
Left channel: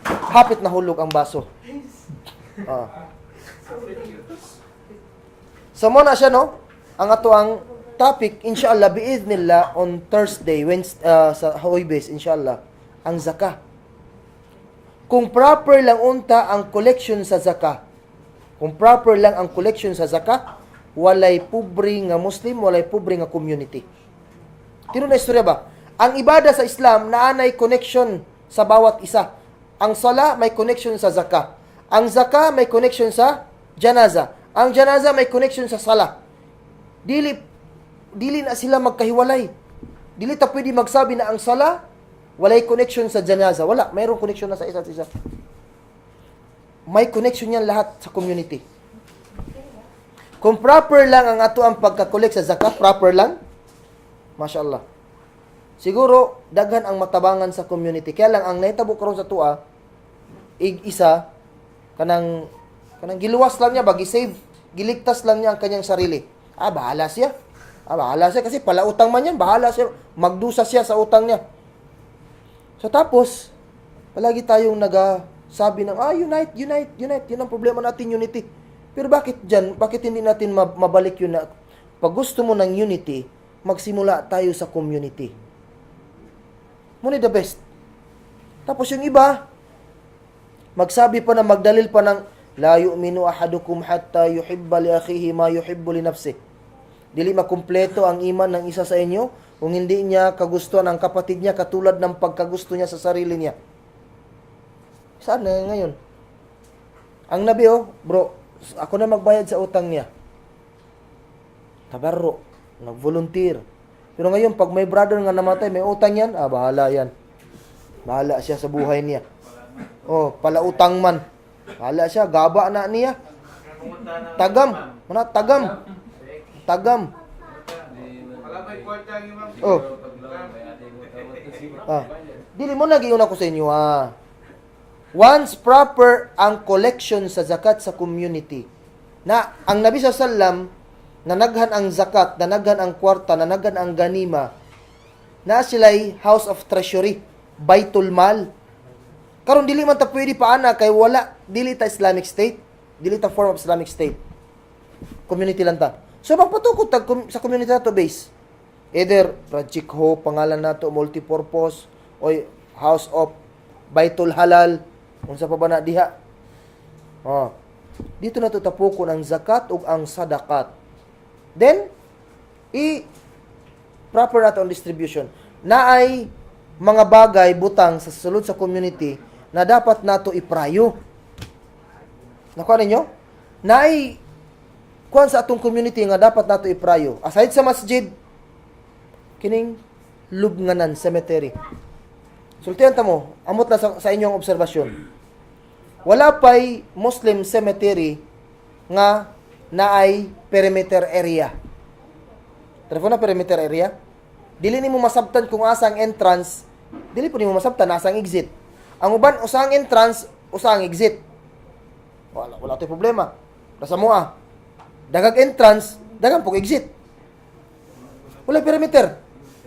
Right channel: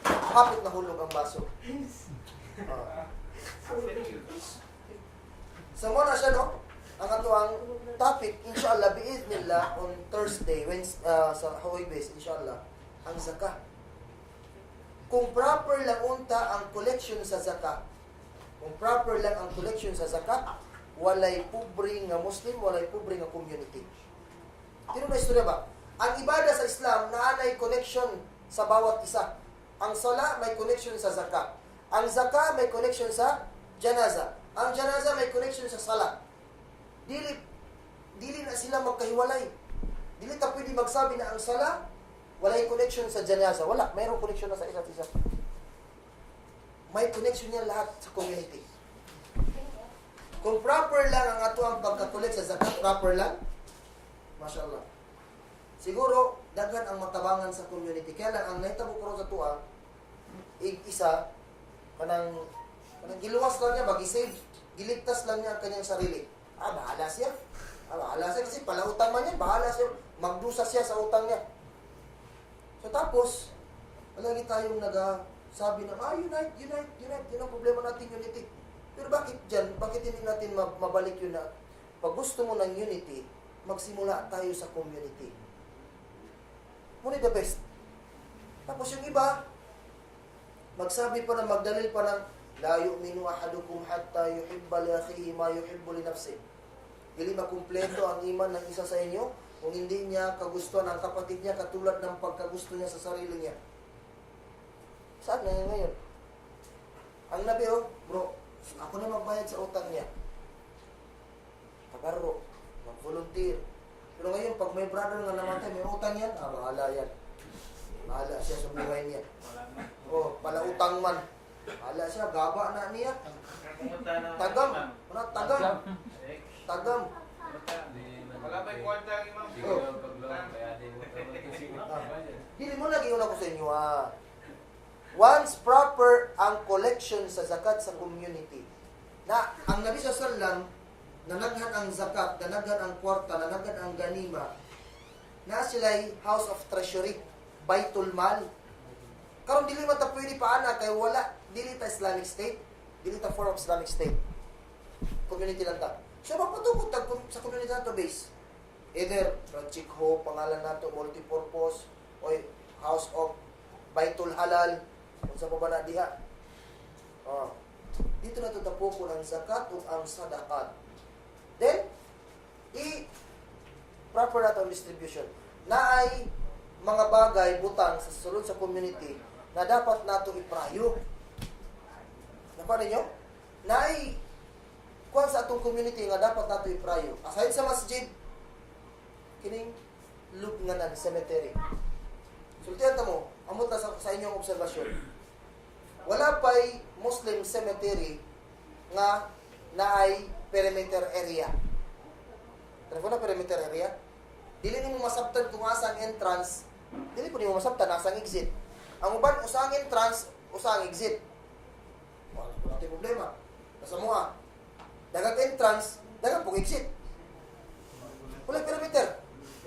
Hapit na hulog ang baso. So mo na siya, no? Ang ato ang topic, inshallah, biiznillah, on Thursday, Wednesday, sa Huwebes, inshallah, ang zakah. Kung proper lang unta ang collection sa zakah, kung proper lang ang collection sa zakah, walay pobre nga Muslim, walay pobre nga community. Tino na istorya ba? Ang ibada sa Islam, naanay connection sa bawat isa. Ang sala, may connection sa zakah. Ang zakah, may connection sa janaza. Ang janaza, may connection sa sala. Dili na sila magkahiwalay. Dili ta pwede magsabi na ang sala walay connection sa janaza. Wala, mayroong connection na sa isa't isa. May connection yan lahat sa community. Kung proper lang ang ato ang pagka-collect sa zakat, proper lang, mashallah. Siguro, daghan ang matabangan sa community. Kaya lang, ang naitabo karon sa tua, isa, kanang giluwas lang niya, bagi-save, giligtas lang niya ang kanyang sarili. Bahala siya. Bahala siya kasi pala utang man yan. Bahala siya. Magdusa siya sa utang niya. So tapos, palagi tayong nagasabi ng, unite. Yun ang problema natin, unity. Pero bakit dyan? Bakit hindi natin mabalik yun na, pag gusto mo ng unity, magsimula tayo sa community. Muna the best. Tapos yung iba, magsabi pa na, magdalil pa ng, la yu'minu ahadukum hatta yuhibba li akhihi ma yuhibbu li nafsihi. Dili makumpleto ang iman ng isa sa inyo kung hindi niya kagustuhan ang kapatid niya katulad ng pagkagusto niya sa sarili niya. Saan na ngayon? Ang Nabi, bro, ako na magbayad sa utang niya. Tabarro, nag-volunteer. Pero ngayon, pag may brother nga namatay, may utang yan, bahala yan. Bahala siya sa buhay niya. Pala utang man. Bahala siya, gaba na niya. Tagam. Mana tagam. Tagam. Wala may kwarta ang imam. Oh. Dili mo lagi una ko sa inyo Once proper ang collection sa zakat sa community, na ang Nabi sallam nanaghan ang zakat, nanaghan ang kwarta, nanaghan ang ganima, na sila'y house of treasury, Baitul Mal. Karon dili man ta pwede paana kay wala dili ta Islamic State, dili ta form of Islamic State. Community lang ta. So magpatukod tag sa community nato base. Either Project Hope pangalan nato multipurpose o House of Baitul Halal unsa pa ba na diha. Dito na to tapukon ang zakat ug ang sadakat. Then proper nato ang distribution. Naay mga bagay butang sa sulod sa community na dapat nato iprayo. Nakuha ninyo? Naay kuan sa atong community nga dapat nato iprayo. Aside sa masjid, kining lubnganan cemetery. Sultihan ta mo, amot na sa inyong obserbasyon. Wala pa'y Muslim cemetery nga naay perimeter area. Telefon na perimeter area. Dili nimo masabtan kung asang entrance, dili po nimo masabtan asang exit. Ang uban usang entrance, usang exit. Wala tay problema. Nasa mo dagag entrance, dagang pog exit. Wala perimeter.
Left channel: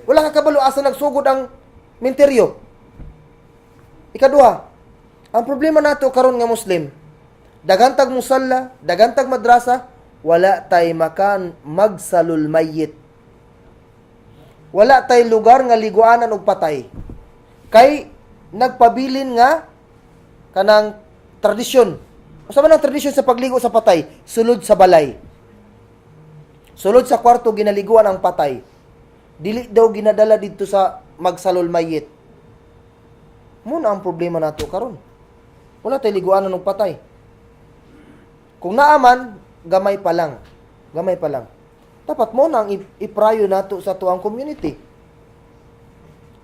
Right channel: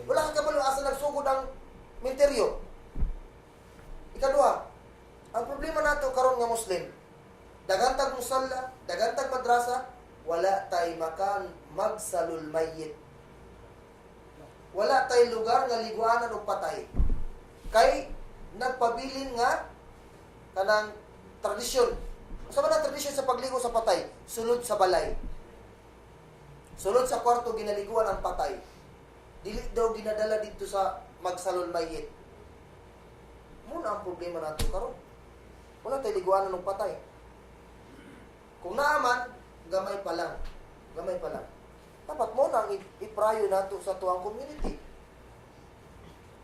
Wala ka kabalo asa nagsugod ang menteryo. Ikaduha, ang problema nato karon nga Muslim, dagantag musalla, dagantag madrasa, wala tay makan magsalul mayyit. Wala tay lugar nga liguanan og patay. Kay nagpabilin nga kanang tradisyon. Usa man ang tradisyon sa pagligo sa patay? Sulod sa balay. Sulod sa kwarto ginaliguan ang patay. Dili daw ginadala dito sa magsalul mayyit. Muna ang problema nato karon. Wala tay liguanan og patay. Kung naaman, gamay pa lang. Gamay pa lang. Dapat mo nang iprayo nato sa tuang community.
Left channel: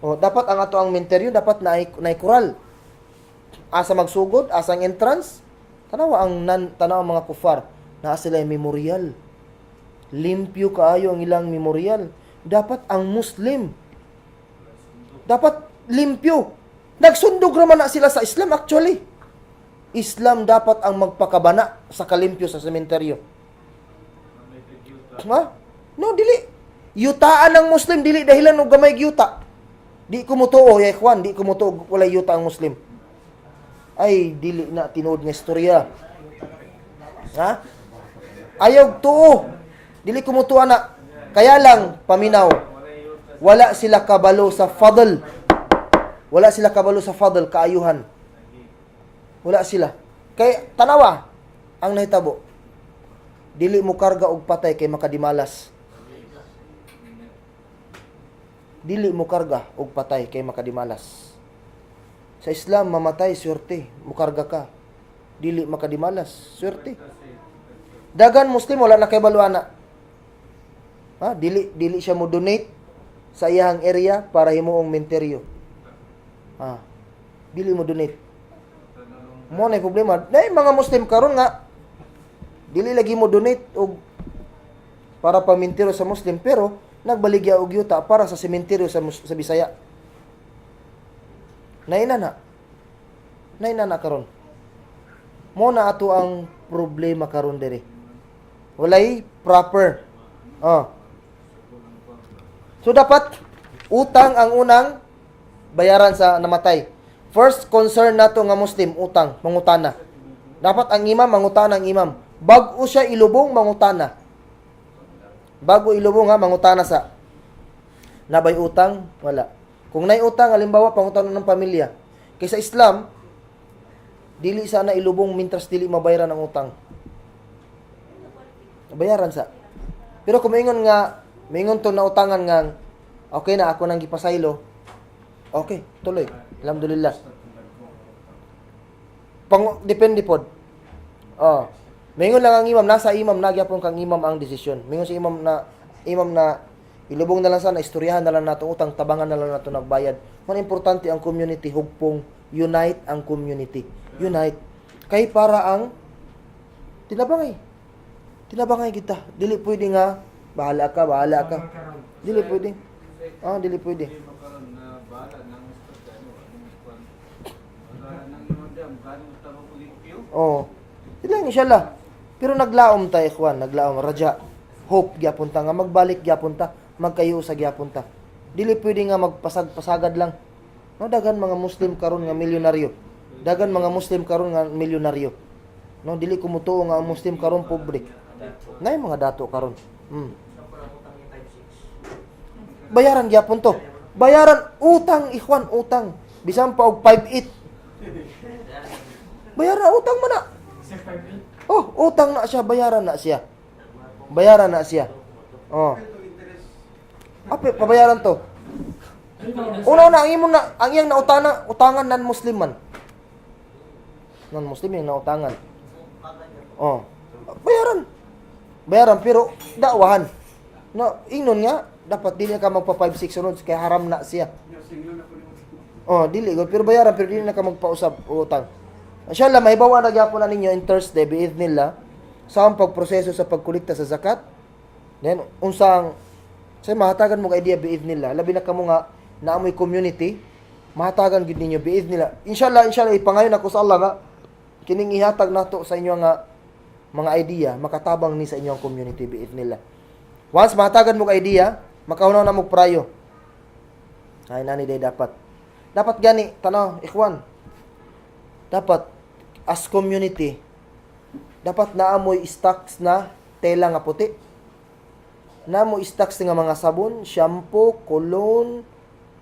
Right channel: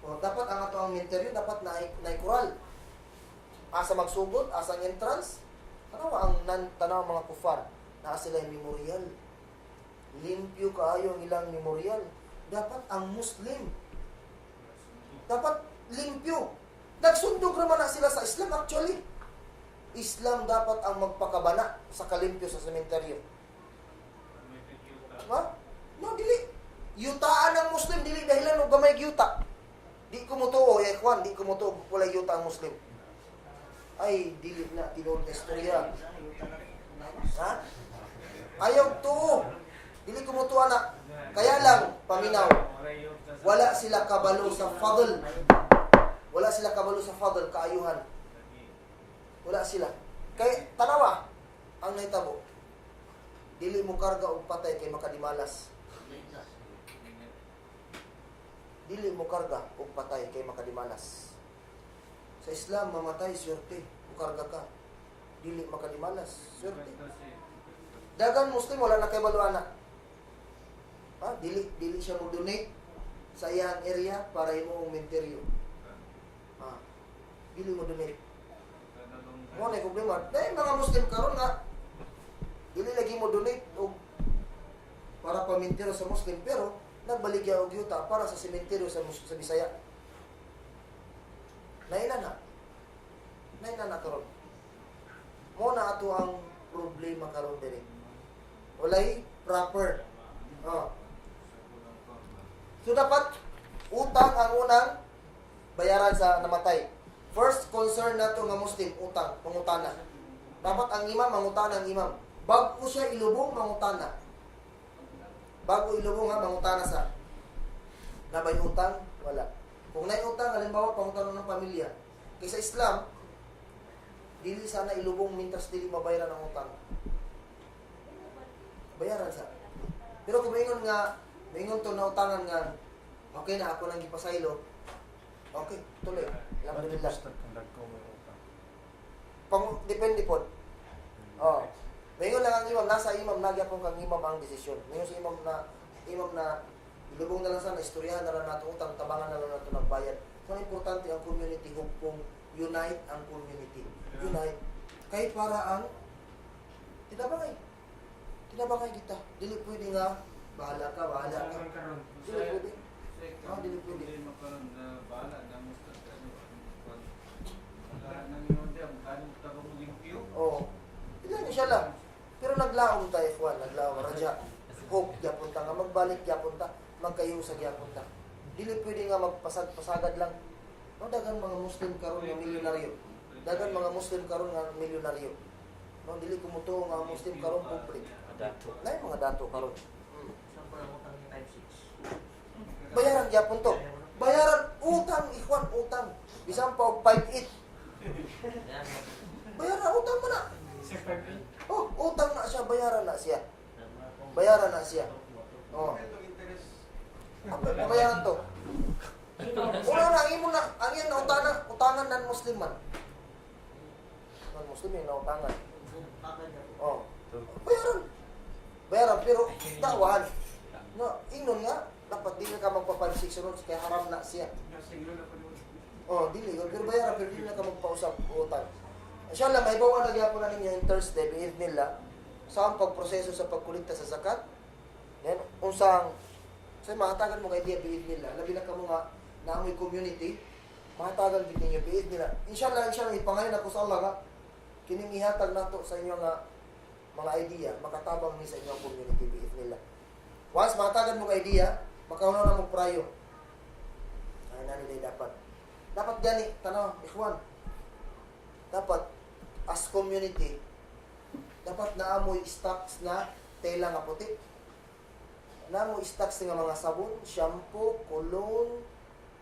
Dapat ang ato ang menteryo dapat naay kural. Asa magsugod, asang entrance, tanawa ang mga kufar na sila memorial. Limpyo kaayo ang ilang memorial. Dapat ang Muslim dapat limpyo. Nagsundog raman na sila sa Islam actually. Islam dapat ang magpakabana sa kalimpyo sa sementeryo. No, dili. Yutaan ng Muslim, dili dahilan og gamay yuta. Di ko mutuo, ya ikhwan, di ko mutuo wala yuta ang Muslim. Ay, dili na tinuod nga istorya. Ayaw tuo. Dili ko mutuo na. Kaya lang, paminaw, wala sila kabalo sa fadl. Wala sila kabalo sa fadl, kaayuhan. Wala sila. Kay tanawa ang nahitabo. Dili mo karga og patay kay makadimalas. Dili mo karga og patay kay makadimalas. Sa Islam mamatay swerte, mo karga ka. Dili makadimalas, swerte. Dagan Muslim wala na kay baluana. Dili siya mo donate sa iyang area para himuong menteryo. Dili mo donate. Mo na problema. Dahil mga Muslim karon nga dili lagi mo donate og para paminteryo sa Muslim pero nagbaligya og yuta para sa sementeryo sa Bisaya. Naina na karon. Mo na ato ang problema karon diri. Walay proper. So dapat utang ang unang bayaran sa namatay. First concern nato nga Muslim, utang, mangutana. Dapat ang imam mangutana ang imam. Bago siya ilubong mangutana. Bago ilubong mangutana sa nabay utang, wala. Kung nay utang halimbawa pangutana ng pamilya. Kaysa Islam, dili sana ilubong mintras dili mabayaran ang utang. Bayaran sa. Pero kung maingon to na utangan nga okay na ako nang gipasaylo. Okay, tuloy. Alhamdulillah. Depende pod. Mingon lang ang imam, nasa imam nagyapon kang imam ang desisyon. Mingon si imam na ilubong na lang sana, istoryahan na lang nato utang, tabangan na lang nato nagbayad. Man importante ang community, hugpong unite ang community. Unite. Kay para ang Tinabangay. Tinabangay kita. Dili pwede nga bahala ka. Dili pwede. Dili pwede. Hindi makaroon na bahala ng ano, kwan. Wala nang iwan diyan, gano'n mo tarong limpyo. Oh. Ilang inshallah. Pero naglaom ta ikhwan, naglaom raja. Hope gyapon ta nga magbalik gyapon ta, magkayo sa gyapon ta. Dili pwede nga magpasag-pasagad lang. No, dagan mga Muslim karon nga milyonaryo. Dagan mga Muslim karon nga milyonaryo. No, dili ko mutuo nga ang Muslim karon pobre. Nay mga dato karon. Bayaran gyapon to. Bayaran utang ikhwan, utang. Bisan pa og 5.8. Bayaran utang man na. Oh, utang na siya, bayaran na siya. Bayaran na siya. Oh. Ape pabayaran to. Una ang imong na ang iyang utangan non-Muslim man. Non-Muslim yung nautangan. Oh. Bayaran. Bayaran pero dakwahan. No, ingnon nga dapat dili ka magpa 5-6 sunod kay haram na siya. Oh, dili go pero bayaran pero dili na ka magpausab o utang. Inshallah mahibawa na gyapon na ninyo in Thursday biidhnillah sa ang pagproseso sa pagkolekta sa zakat. Then unsang say mahatagan mo ka idea biidhnillah labi na kamo nga naamoy community mahatagan gid ninyo biidhnillah. Inshallah ipangayon ako sa Allah nga kining ihatag nato sa inyo nga mga idea makatabang ni sa inyong community biidhnillah. Once mahatagan mo ka idea, makahunaw na mo prayo. Ay nani day dapat. Dapat gani tanaw ikhwan. Dapat as community dapat naamoy stocks na tela nga puti. Naamoy stocks nga mga sabon, shampoo, cologne,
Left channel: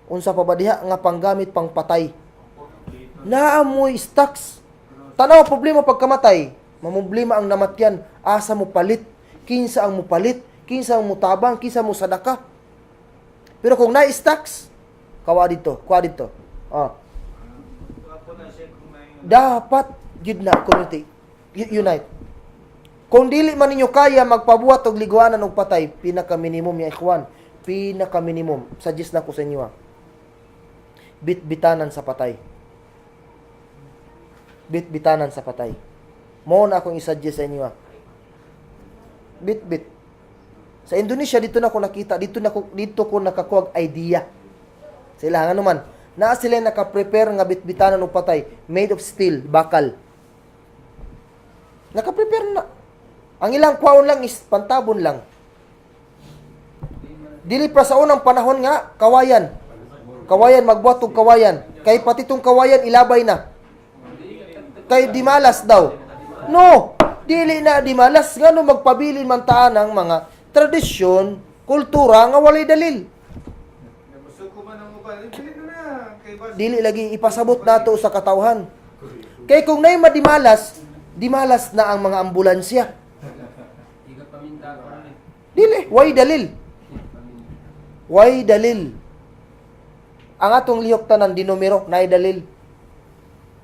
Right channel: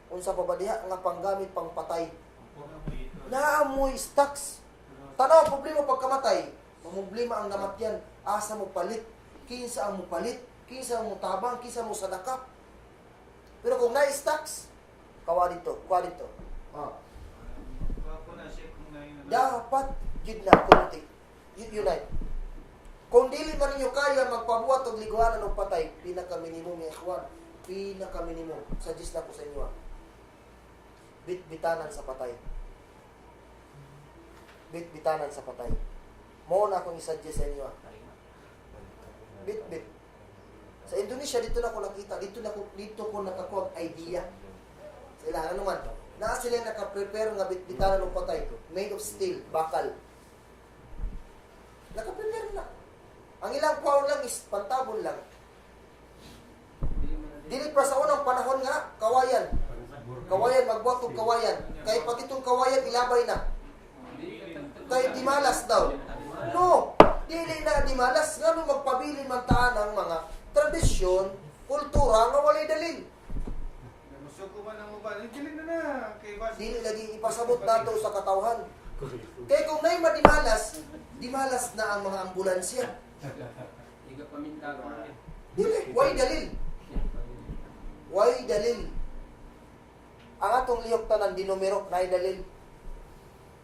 unsa pa ba diha nga panggamit pang patay. Naamoy stocks. Tanaw problema pagkamatay, mamumblema ang namatyan, asa mo palit, kinsa ang mo palit, kinsa ang mo tabang, kinsa mo sadaka. Pero kung na-stocks, kuha dito. Dapat yun na community unite. Kung dili man ninyo kaya magpabuhat og liguanan og patay, pinaka minimum ya ikhwan, pinaka minimum suggest na ko sa inyo. Bit-bitanan sa patay. Bit-bitanan sa patay. Mo na akong i-suggest sa inyo. Bit-bit. Sa Indonesia dito na ko nakita, dito ko nakakuha idea. Sila nga naman na sila naka-prepare nga bit-bitanan og patay made of steel, bakal. Naka-prepare na. Ang ilang kwaon lang is pantabon lang. Dili pa sa unang panahon nga kawayan. Kawayan magbuhat og kawayan. Kay pati tong kawayan ilabay na. Kay dimalas daw. No, dili na dimalas ngano magpabilin man taan ang mga tradisyon, kultura nga walay dalil. Dili lagi ipasabot nato sa katawhan. Kay kung nay madimalas, dimalas na ang mga ambulansya. Dili, way dalil. Way dalil. Ang atong lihok tanan dinumero nay dalil.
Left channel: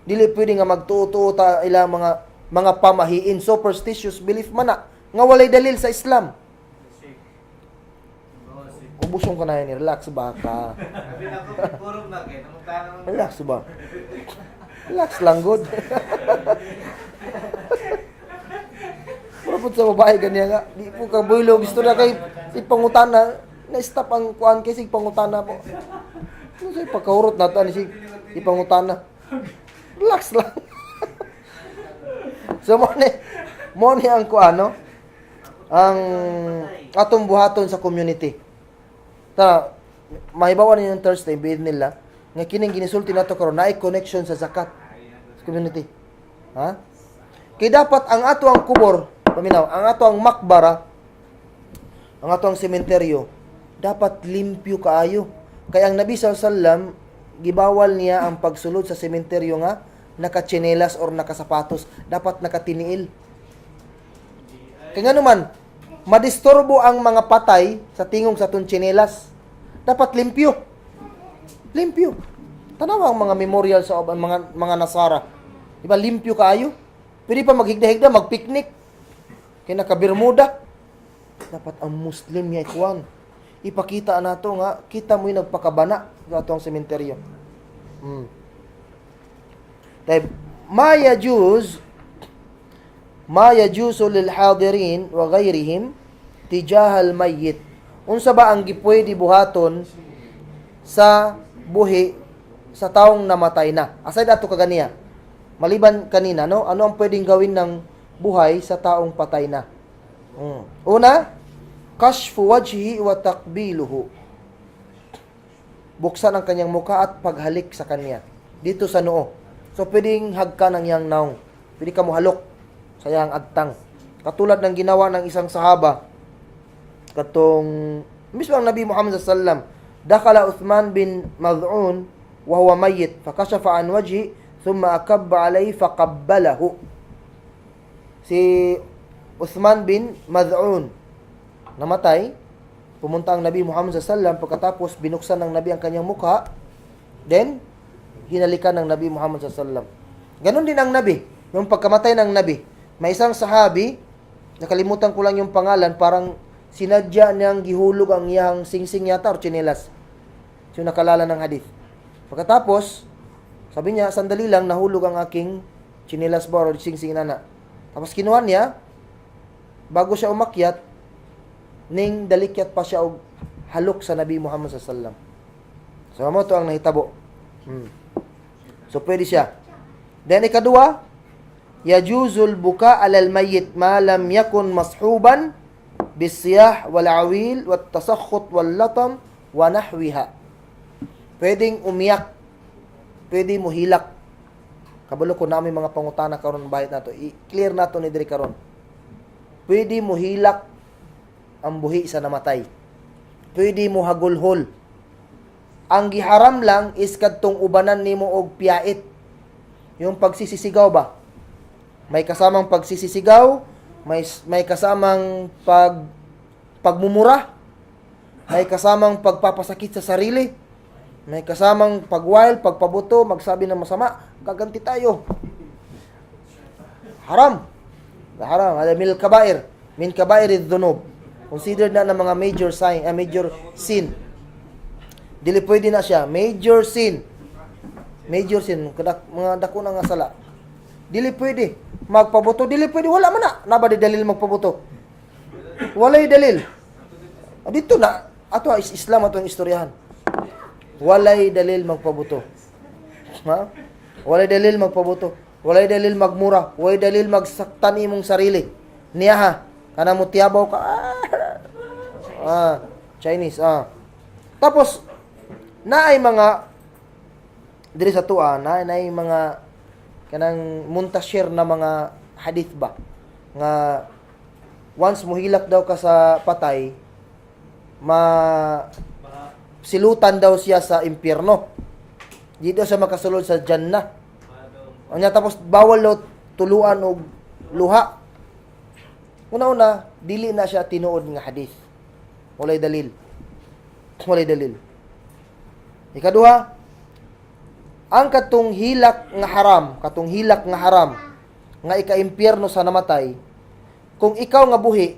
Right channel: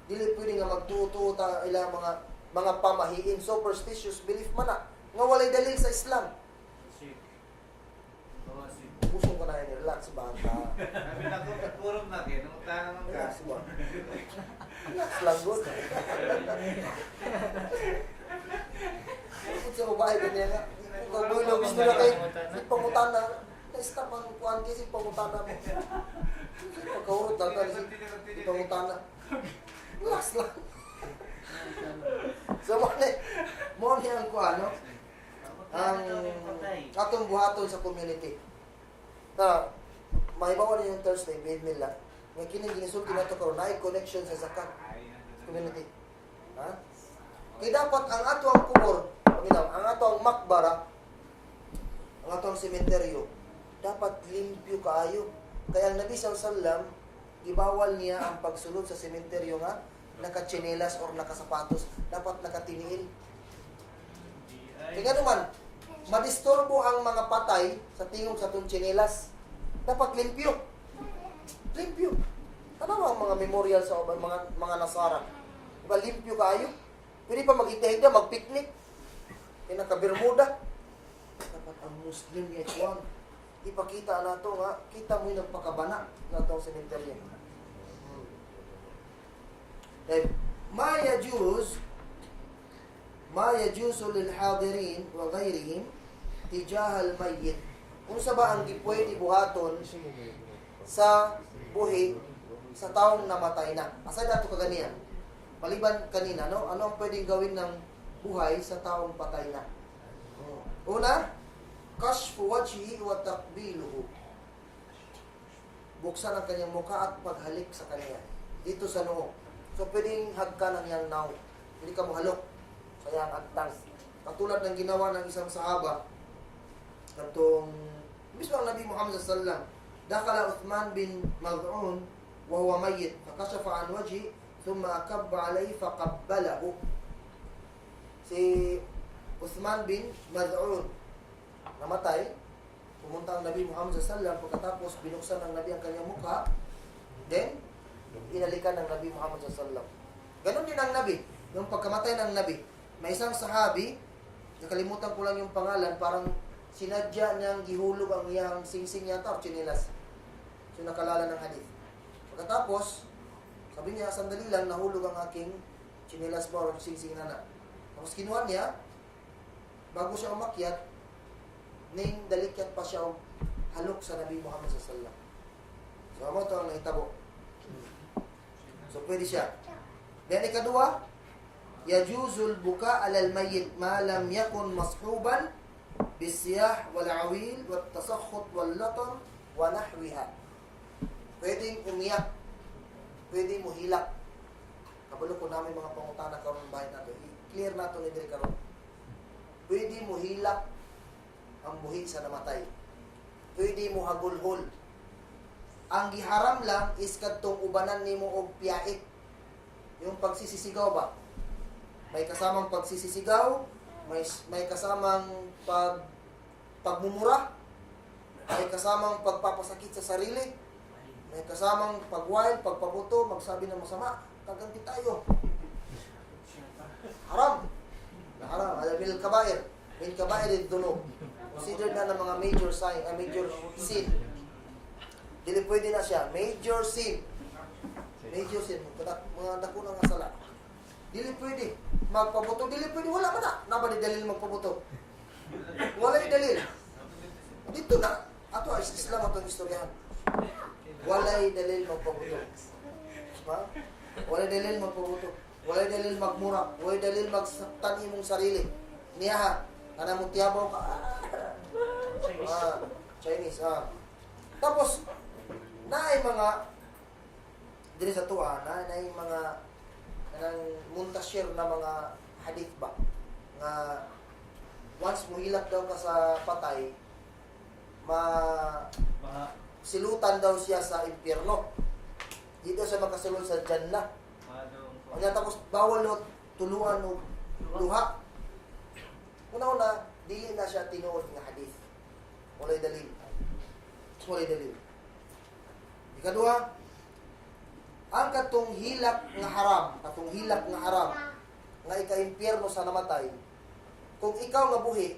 Dili pwede nga magtuo ta ila mga pamahiin, superstitious belief man na nga walay dalil sa Islam. Ubusong ka na yan, relax ba ka? Relax ba? Relax lang, good. Pero po sa babae, ganyan nga. Di po ka builo. Gusto na kay ipangutana. Na-stop ang kuhaan kasi ipangutana po. Kasi pagkahurot na ito, ipangutana. Relax lang. So, mo ni ang kuano, ang atong buhaton sa community. Ta mahibawa ninyo Thursday bid nila nga kining ginisulti nato karon naay connection sa zakat sa community. Ha? Kay dapat ang ato ang kubor, paminaw, ang ato ang makbara, ang ato ang sementeryo dapat limpyo kaayo. Kay ang Nabi sallallahu alaihi wasallam gibawal niya ang pagsulod sa sementeryo nga nakatsinelas or nakasapatos, dapat nakatiniil. Kay ngano man madisturbo ang mga patay sa tingog sa tsinelas. Dapat limpyo. Limpyo. Tanaw ang mga memorial sa mga Nasara. Diba limpyo kaayo? Pwede pa maghigda-higda, magpiknik. Kaya naka-Bermuda. Dapat ang Muslim niya ikuan. Ipakita nato nga, kita mo yung nagpakabana sa atong sementeryo. Dahil, Maya Jews, ma yajuzu lil hadirin wa ghayrihim tijahal mayyit. Unsa ba ang gipwede buhaton sa buhi sa taong namatay na? Aside ato kaganiya. Maliban kanina, no? Ano ang pwedeng gawin ng buhay sa taong patay na? Una, kashfu wajhi wa taqbiluhu. Buksan ang kanyang mukha at paghalik sa kanya dito sa noo. So pwedeng hagka ng yang naong. Pwede ka mo halok sa yang agtang. Katulad ng ginawa ng isang sahaba katong mismo ang Nabi Muhammad sallallahu alaihi wasallam, dakala Uthman bin Maz'un wa huwa mayyit fakashafa an wajhi thumma akabba alayhi faqabbalahu. Si Uthman bin Maz'un namatay, pumunta ang Nabi Muhammad sallallahu alaihi wasallam, pagkatapos binuksan ng Nabi ang kanyang mukha, then hinalikan ng Nabi Muhammad sallallahu alaihi wasallam. Ganon din ang Nabi, yung pagkamatay ng Nabi. May isang sahabi, nakalimutan ko lang yung pangalan, parang sinadya niyang gihulog ang iyang singsing yata or tsinelas. So nakalala ng hadith. Pagkatapos, sabi niya, sandali lang, nahulog ang aking tsinelas ba or singsing nana. Tapos kinuha niya, bago siya umakyat, ning dalikyat pa siya og halok sa Nabi Muhammad sallallahu alaihi wasallam. So mo to ang nahitabo. So pwede siya. Then ikadua, yajuzul buka alal mayyit ma lam yakun mashuban bisiyah wal awil wat tasakhut wal latam wa nahwiha. Pwedeng umiyak, pwede mo hilak. Kabalo ko namin mga pangutana karon bahit nato. I-clear nato ni diri karon. Pwede mo hilak ang buhi sa namatay. Pwede mo hagulhol. Ang giharam lang is kadtong ubanan nimo og piyait. Yung pagsisisigaw ba? May kasamang pagsisisigaw, may kasamang pagmumura, may kasamang pagpapasakit sa sarili, may kasamang pagwail, pagpabuto, magsabi ng masama, gaganti tayo. Haram. Haram. Min kabair. Min kabair ad-dhunub. Considered na ng mga major sin. Dili pwede na siya. Major sin. Major sin. Mga dako na nga sala. Dili pwede. Magpabuto. Dili pwede. Wala man na. Naba di dalil magpabuto. Walay dalil. Dito na. Ato is Islam ato ang istoryahan. Walay dalil magpabuto. Ha? Walay dalil magpabuto. Walay dalil magmura. Walay dalil magsaktan imong sarili. Niya ha. Kana mo tiyabaw ka. Chinese. Tapos, naay mga diri sa tuwa, naay mga kanang muntasir na mga hadith ba nga once muhilak daw ka sa patay, silutan daw siya sa impyerno. Dito siya makasulod sa Jannah. Anya tapos bawal daw tuluan og luha. Una-una, dili na siya tinuod nga hadith. Walay dalil. Walay dalil. Ikaduha, ang katong hilak nga haram, nga ika-impyerno sa namatay, kung ikaw nga buhi,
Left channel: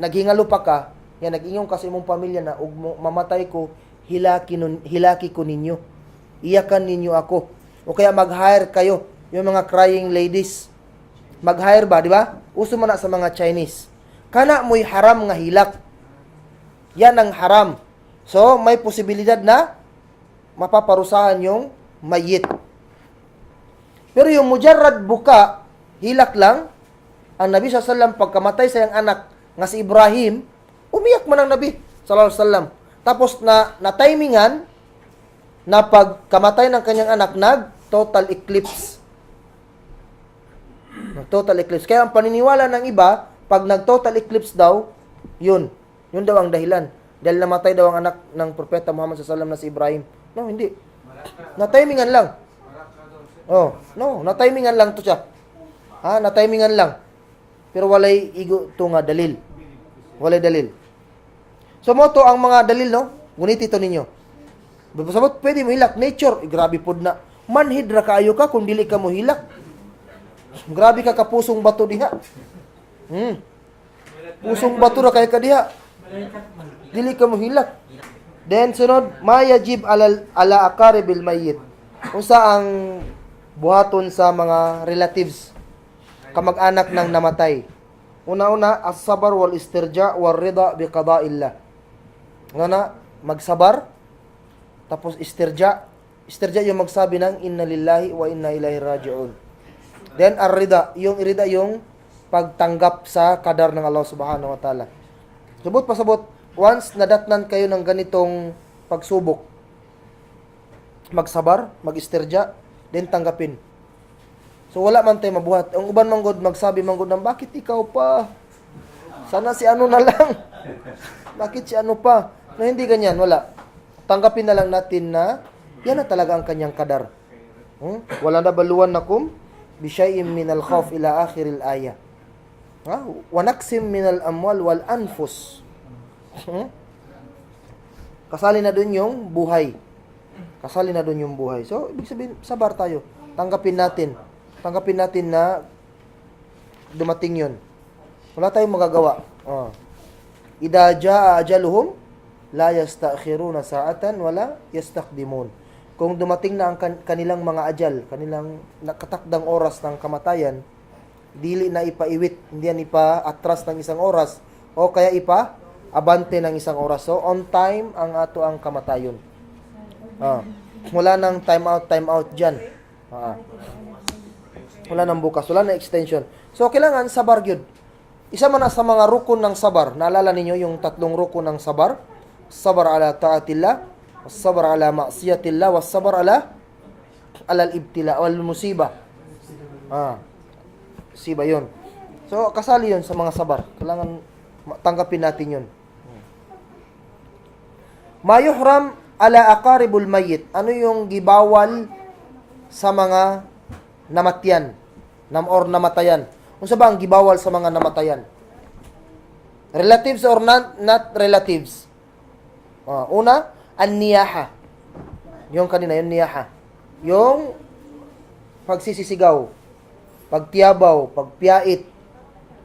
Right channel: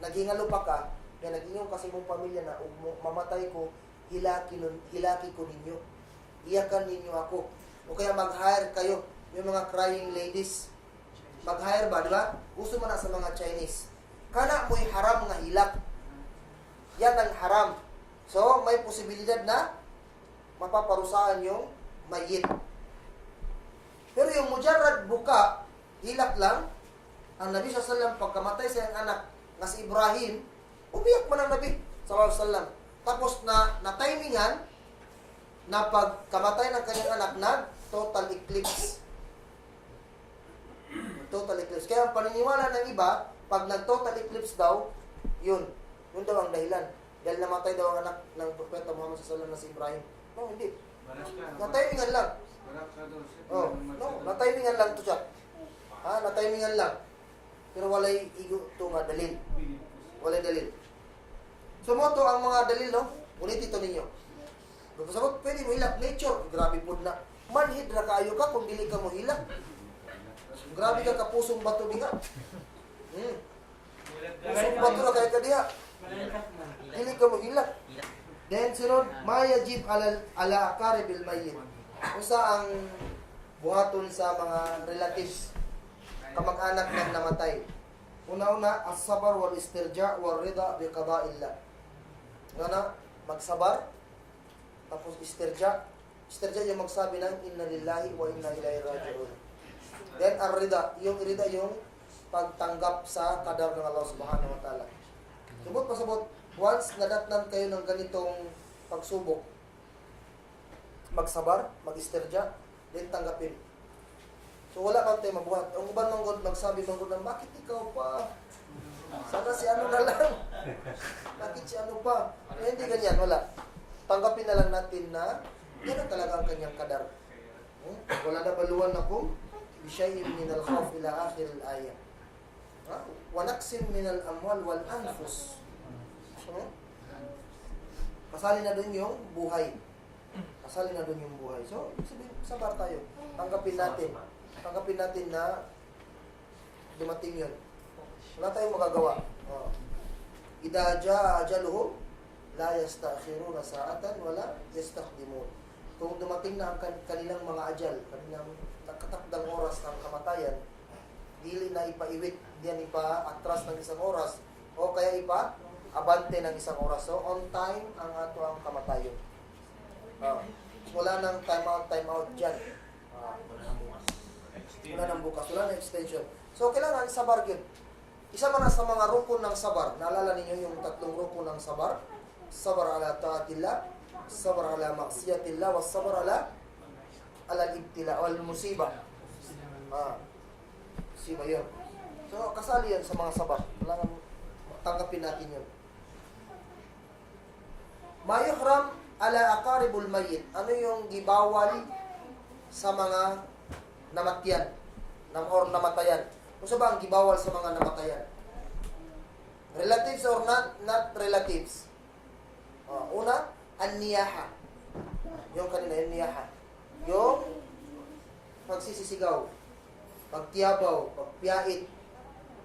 naghingalo pa ka, yan, nag-ingong kasi imong pamilya na, ug mamatay ko, hilaki ko ninyo. Iyakan ninyo ako. O kaya mag-hire kayo, yung mga crying ladies. Mag-hire ba, di ba? Uso man na sa mga Chinese. Kana mo'y haram nga hilak. Yan ang haram. So, may posibilidad na mapaparusahan yung mayit. Pero yung mujarrad buka, hilak lang, ang Nabi SAW pagkamatay sa iyang anak nga si Ibrahim, umiyak man ang Nabi SAW. Tapos na timingan na pagkamatay ng kanyang anak, total eclipse. Total eclipse. Kaya ang paniniwala ng iba, pag nag-total eclipse daw, yun daw ang dahilan. Dahil namatay daw ang anak ng Propeta Muhammad SAW na si Ibrahim. No, hindi. Na-timingan lang. Na-timingan lang to siya. Na-timingan lang. Pero walay igo to nga dalil. Walay dalil. So mo to ang mga dalil, no? Ngunit ito ninyo. Sabot, pwede mo hilak. Nature, grabe pod na. Manhid ra kaayo ka kung dili ka mo hilak. Grabe ka kapusong bato diha. Pusong bato ra kay ka diha. Dili ka mo hilak. Then sunod, mayajib ala akaribil mayyit. Unsa ang buhaton sa mga relatives. kamag-anak ng namatay. Una-una, as-sabar wal istirja wal rida bi qada'illah. Nga magsabar, tapos istirja. Istirja yung magsabi ng inna lillahi wa inna ilaihi raji'un. Then ar-rida, yung irida yung pagtanggap sa kadar ng Allah subhanahu wa ta'ala. Subot pasabot, once nadatnan kayo ng ganitong pagsubok, magsabar, mag-istirja, then tanggapin. So wala man tayo mabuhat. Ang uban manggod magsabi manggod ng bakit ikaw pa? Sana si ano na lang. Bakit si ano pa? No, hindi ganyan, wala. Tanggapin na lang natin na yan na talaga ang kanyang kadar. Wala na baluan nakum bi syai'in min al-khawf ila akhir al-aya. Wa naqsim min al-amwal wal anfus. Kasali na doon yung buhay. Kasali na doon yung buhay. So, ibig sabihin, sabar tayo. Tanggapin natin na dumating yun. Wala tayong magagawa. Idha jaa ajaluhum, la yasta'khiruna sa'atan, wala yastaqdimun. Kung dumating na ang kanilang mga ajal, kanilang nakatakdang oras ng kamatayan, dili na ipaiwit, hindi yan ipa-atras ng isang oras, o kaya ipa-abante ng isang oras. So, on time ang ato ang kamatayon. Wala nang time out dyan. Wala nang bukas, wala nang extension. So, kailangan sabar yun. Isa man sa mga rukun ng sabar. Naalala ninyo yung 3 rukun ng sabar? Sabar ala ta'atillah, sabar ala ma'siyatillah, was sabar ala al-ibtila, wal musibah. Musiba yun. So, kasali yun sa mga sabar. Kailangan tanggapin natin yun. Mayuhram ala aqaribul mayyit. Ano yung gibawal sa mga namatyan or namatayan? Kung sa ba ang gibawal sa mga namatayan? Relatives or not relatives? Una, an-niyaha. Yung kanina, yung niyaha. Yung pagsisisigaw, pagtiyabaw, pagpiyait,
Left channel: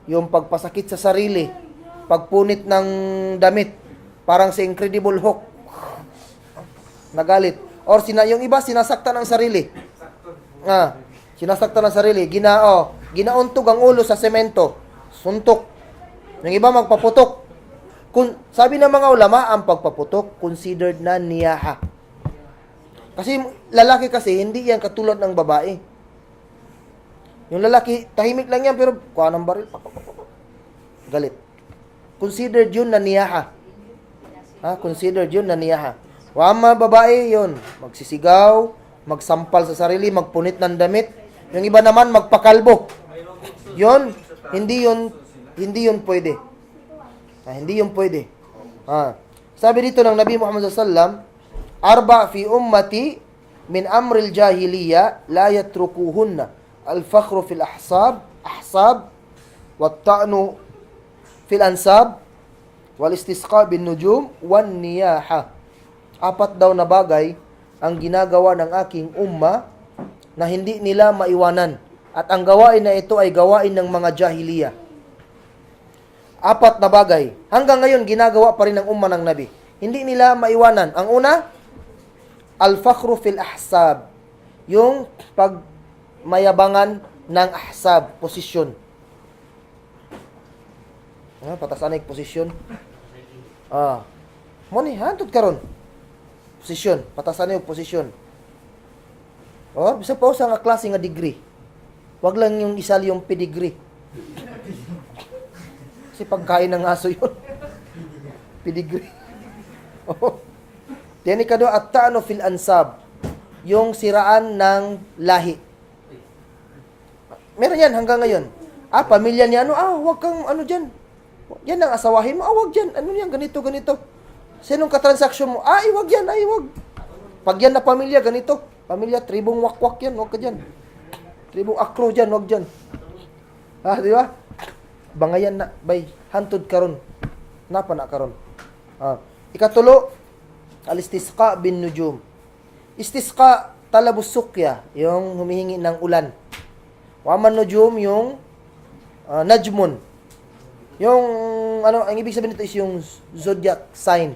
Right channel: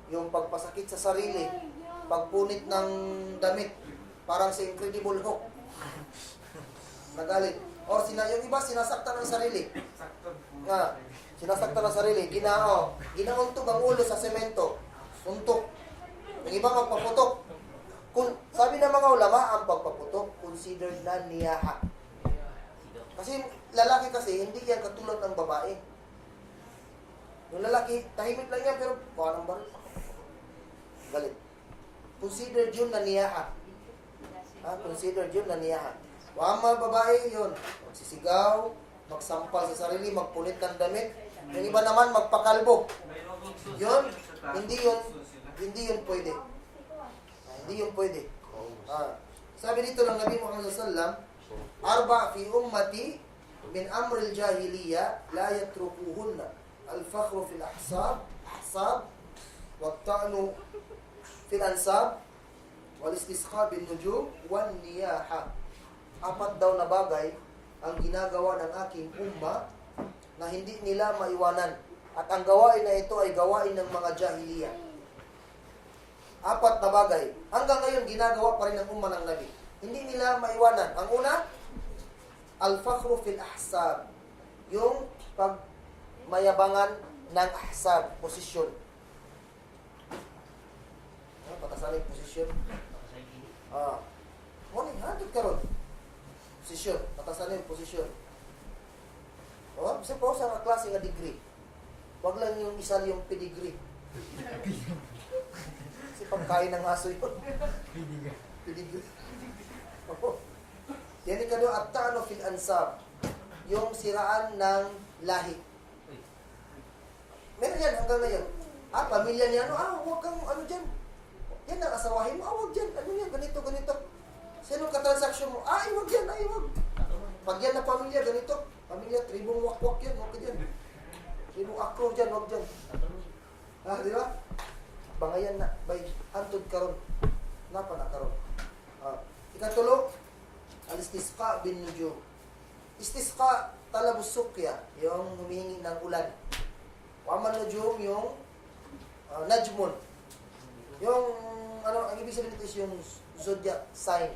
yung pagpasakit sa sarili, pagpunit ng damit, parang si Incredible Hulk, nagalit. Or yung iba, sinasaktan ng sarili. Sinasaktan ng sarili. Ginauntog ang ulo sa semento. Suntok. Yung iba magpaputok. Sabi ng mga ulama, ang pagpaputok, considered na niyaha. Kasi lalaki kasi, hindi yan katulad ng babae. Yung lalaki, tahimik lang yan, pero kuha ng baril. Galit. Considered yun na niyaha. Considered yun na niyaha. Wama babae yun. Magsisigaw, magsampal sa sarili, magpunit ng damit. Yung iba naman, magpakalbo. Yun, hindi yun pwede. Hindi yun pwede. Sabi dito ng Nabi Muhammad SAW, arba fi ummati min amril jahiliya la yatrukuhunna al-fakhru fil ahsab, wat ta'nu fil ansab, wal istisqa bin nujum, wan niyaha. 4 daw na bagay ang ginagawa ng aking umma na hindi nila maiwanan. At ang gawain na ito ay gawain ng mga jahiliya. 4 na bagay. Hanggang ngayon, ginagawa pa rin ng umma ng Nabi. Hindi nila maiwanan. Ang una, al-fakhru fil ahsab. Yung pagmayabangan ng ahsab, posisyon. Patasan na yung posisyon. Muni, hantod karon. Posisyon. Patasan na yung posisyon. Bisa pa sa nga klase nga degree. Wag lang yung isali yung pedigree. Kasi pagkain ng aso yun. Pedigree. Yan ikado at ta'ano fil ansab. Yung siraan ng lahi. Meron yan hanggang ngayon. Pamilya niya, wag kang dyan. Yan ang asawahin mo. Wag dyan. Ano yan, ganito. Sinong katransaksyon mo? Wag yan, wag. Pag yan na pamilya, ganito. Pamilya, tribong wakwak yan, wag ka dyan. Tribong aklo dyan, wag dyan. Di ba? Bangayan na, bay, hantod karon. Napa na karon. Ikatulo, al-istisqa bin nujum. Istisqa, talabus sukya, yung humihingi ng ulan. Waman nujum, yung najmun. Yung, ang ibig sabihin nito is yung zodiac sign.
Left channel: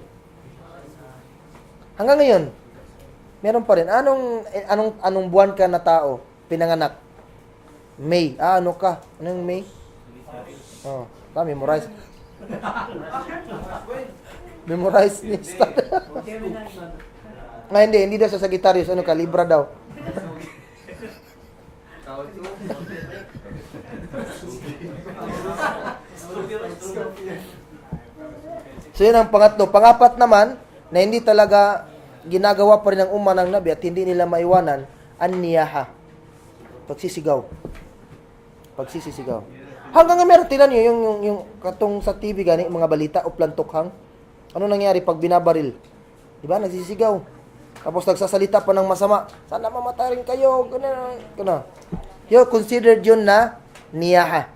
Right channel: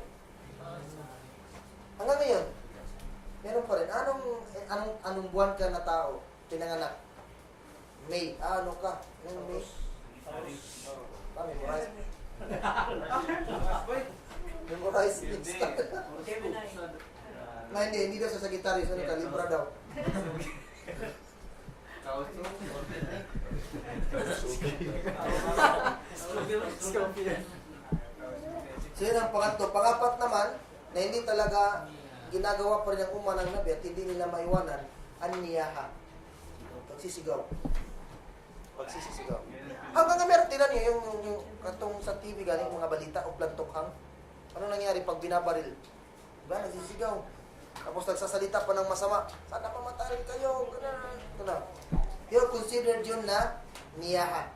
Hanggang ngayon, meron pa rin. Anong buwan ka na tao pinanganak? May. Ano ka? Anong May? Oh, memorize. Memorize ni Stan. Nga, hindi daw sa Sagittarius. Ano ka? Libra daw. So yun ang pangatlo. Pangapat naman, na hindi talaga ginagawa pa rin ng umma ng Nabi at hindi nila maiwanan, an-niyaha. Pagsisigaw. Pagsisisigaw. Hanggang nga meron, tinan nyo, yung katong sa TV gani, mga balita, uplantokhang. Ano nangyari pag binabaril? Diba? Nagsisigaw. Tapos nagsasalita pa ng masama. Sana mamatay rin kayo. Gana. Yun, considered yun na niyaha.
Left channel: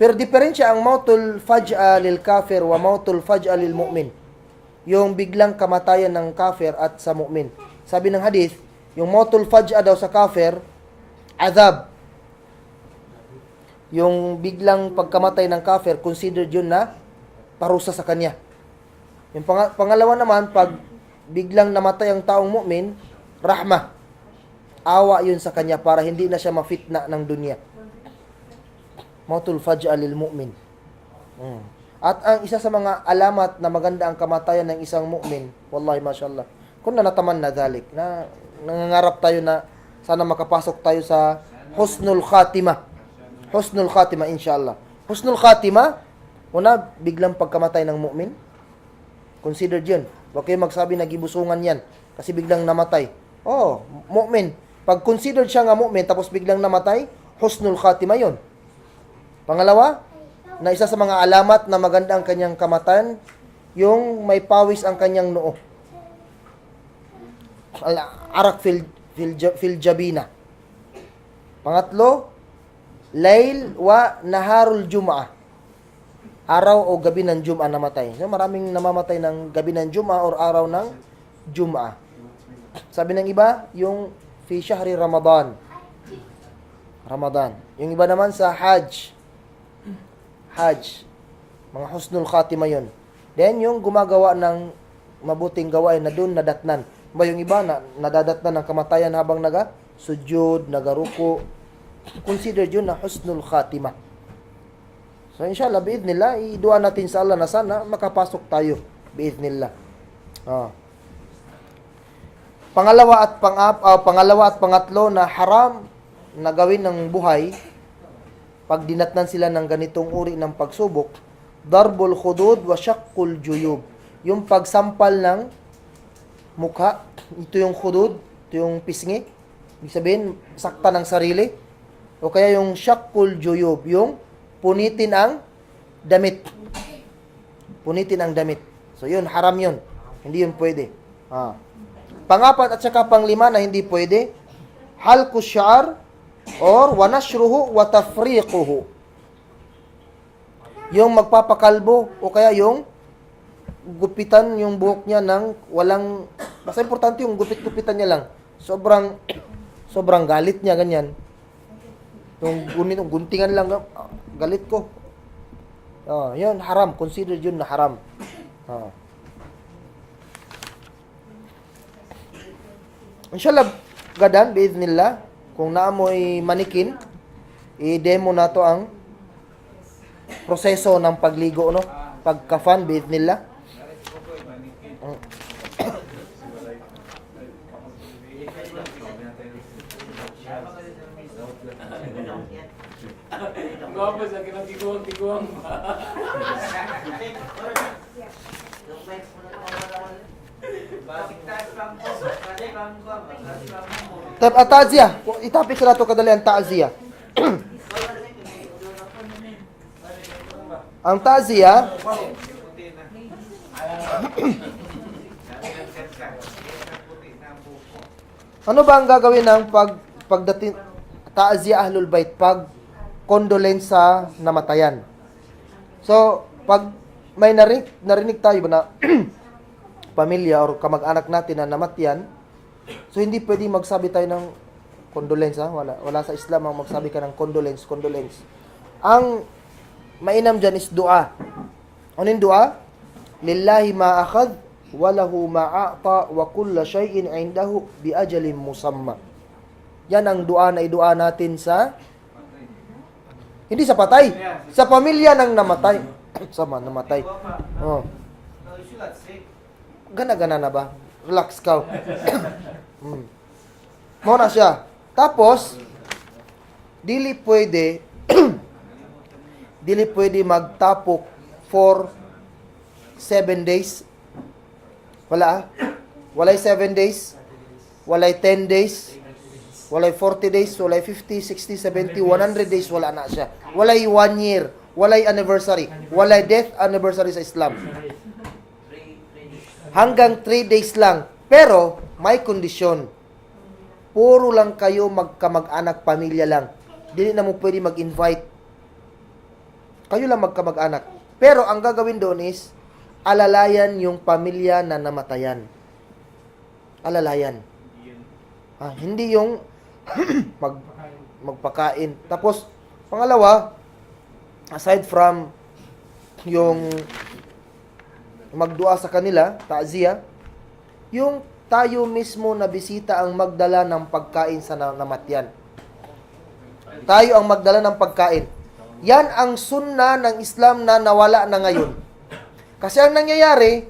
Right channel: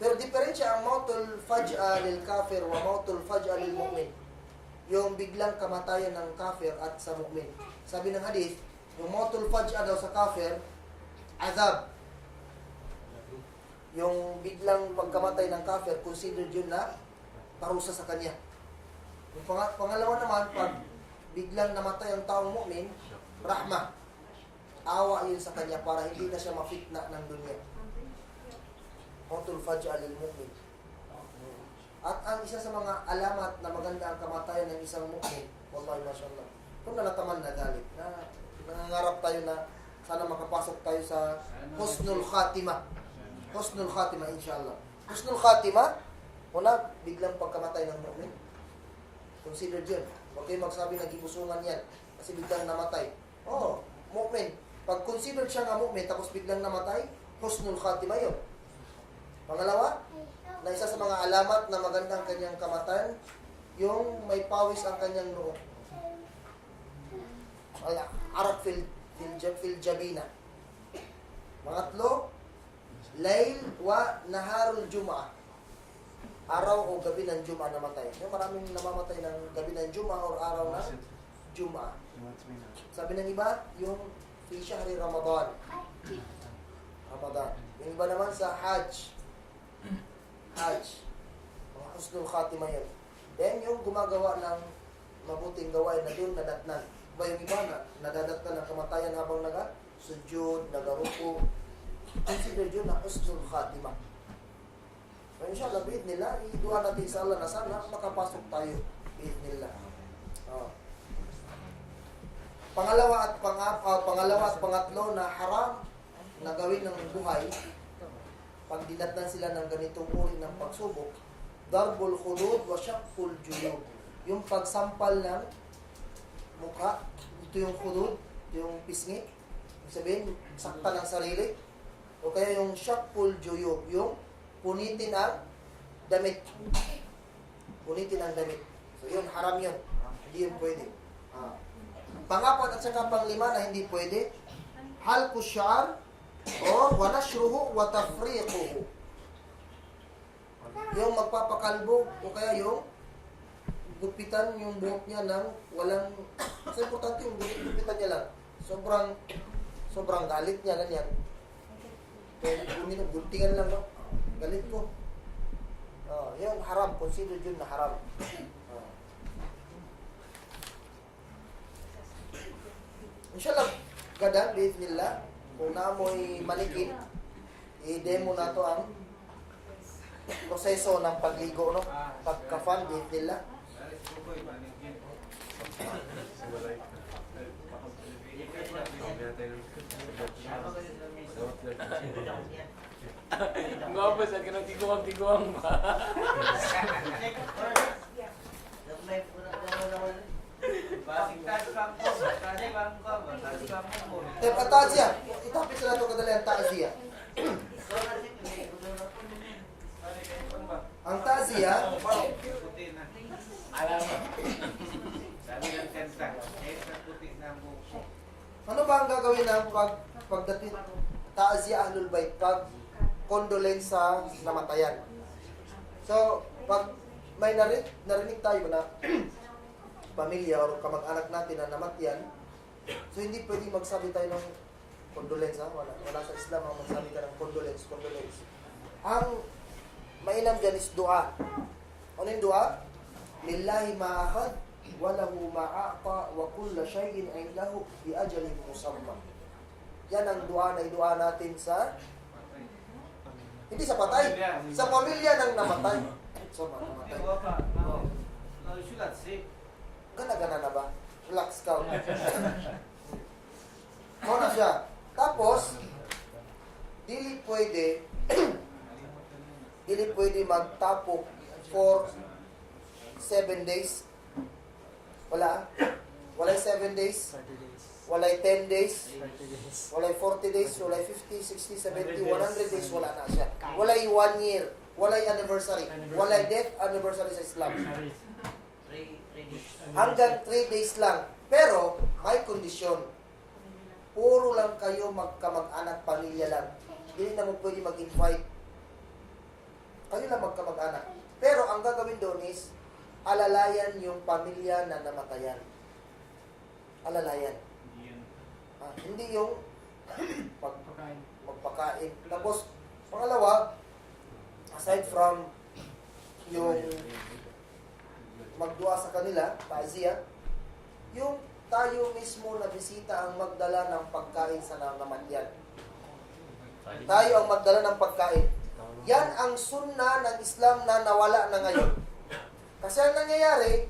Pero diferensya ang mautul faj'a lil kafir wa mautul faj'a lil mu'min. Yung biglang kamatayan ng kafir at sa mu'min. Sabi ng hadith, yung mautul faj'a daw sa kafir, azab. Yung biglang pagkamatay ng kafir, considered yun na parusa sa kanya. Yung pangalawa naman, pag biglang namatay ang taong mu'min, rahma. Awa yun sa kanya para hindi na siya mafitna ng dunya. Mautul faj'a lil mu'min. At ang isa sa mga alamat na maganda ang kamatayan ng isang mu'min, wallahi mashallah, kung nanataman na dhalik, na nangangarap tayo na sana makapasok tayo sa husnul khatimah. Husnul khatimah, inshallah. Husnul khatimah, una, biglang pagkamatay ng mu'min. Considered yun. Huwag kayo magsabi na gibusungan yan kasi biglang namatay. Oh, mu'min. Pag considered siya nga mu'min tapos biglang namatay, husnul khatimah yun. Pangalawa, na isa sa mga alamat na maganda ang kanyang kamatayan, yung may pawis ang kanyang noo. Arak fil jabina. Pangatlo, layl wa naharul jum'ah. Araw o gabi ng Jum'ah namatay. So, maraming namamatay ng gabi ng Jum'ah or araw ng Jum'ah. Sabi ng iba, yung fi syahri Ramadan. Ramadan. Yung iba naman sa Hajj. Hajj. Mga husnul khatimah yun. Then, yung gumagawa ng mabuting gawain na dun nadatnan. Ba yung iba na nadadatnan ng kamatayan habang sujud, nagaruko. Considered yun na husnul khatimah. So, inshallah, biidnillah, idua natin sa Allah na sana makapasok tayo. Biidnillah. Pangalawa at pangatlo na haram na gawin ng buhay pag dinatnan sila ng ganitong uri ng pagsubok, darbul khudud wa syaqqul juyub. Yung pagsampal ng mukha, ito yung khudud, ito yung pisngi. Ibig sabihin, sakta ng sarili. O kaya yung syaqqul juyub, yung punitin ang damit. Punitin ang damit. So yun, haram yun. Hindi yun pwede. Pangapat at saka panglima na hindi pwede, halqu syar or wanashruhu wa tafriquhu. Yung magpapakalbo o kaya yung gupitan yung buhok niya ng walang, basta importante yung gupit-gupitan niya lang. Sobrang galit niya, ganyan. Yung guntingan lang, galit ko. Yun, haram. Consider yun na haram. Inshallah, gadan, biiznillah, kung naamoy manikin, i-demo na to ang proseso ng pagligo, no? Pagkafan, biiznillah. Ngapa sa kinang tiguang-tiguang pa. Tap atazia, itapik sa nato kadali ang ta'ziya. Ang ta'ziya, ano ba ang gagawin ng pagdating ta'ziya ahlul bait, pag condolence sa namatayan? So, pag may narinig tayo na pamilya or kamag-anak natin na namatyan, so hindi pwedeng magsabi tayo ng condolence, wala sa Islam ang magsabi ka ng condolence. Ang mainam dyan is dua. Ano yung dua? Lillahi ma akhadh wa lahu ma a'ta wa kullu shay'in 'indahu bi ajalin musamma. Yan ang dua na idua natin sa Hindi sa patay. Sa pamilya ng namatay. Sama, namatay. Oh. Gana-gana na ba? Relax ka. Mo na siya. Tapos, dili pwede magtapok for 7 days. Wala ah. Walay 7 days. Walay 10 days. Walay 40 days. Walay 50, 60, 70, 100 days. Wala na siya. Walay 1 year. Walay anniversary. Walay death anniversary sa Islam. Hanggang 3 days lang. Pero, may kondisyon. Puro lang kayo magkamag-anak, pamilya lang. Dili na mo pwede mag-invite. Kayo lang magkamag-anak. Pero, ang gagawin doon is, alalayan yung pamilya na namatayan. Alalayan. Hindi yung magpakain. Tapos, pangalawa, aside from yung magdua sa kanila, ta'ziya, yung tayo mismo na bisita ang magdala ng pagkain sa namatyan. Tayo ang magdala ng pagkain. Yan ang sunna ng Islam na nawala na ngayon. Kasi ang nangyayari,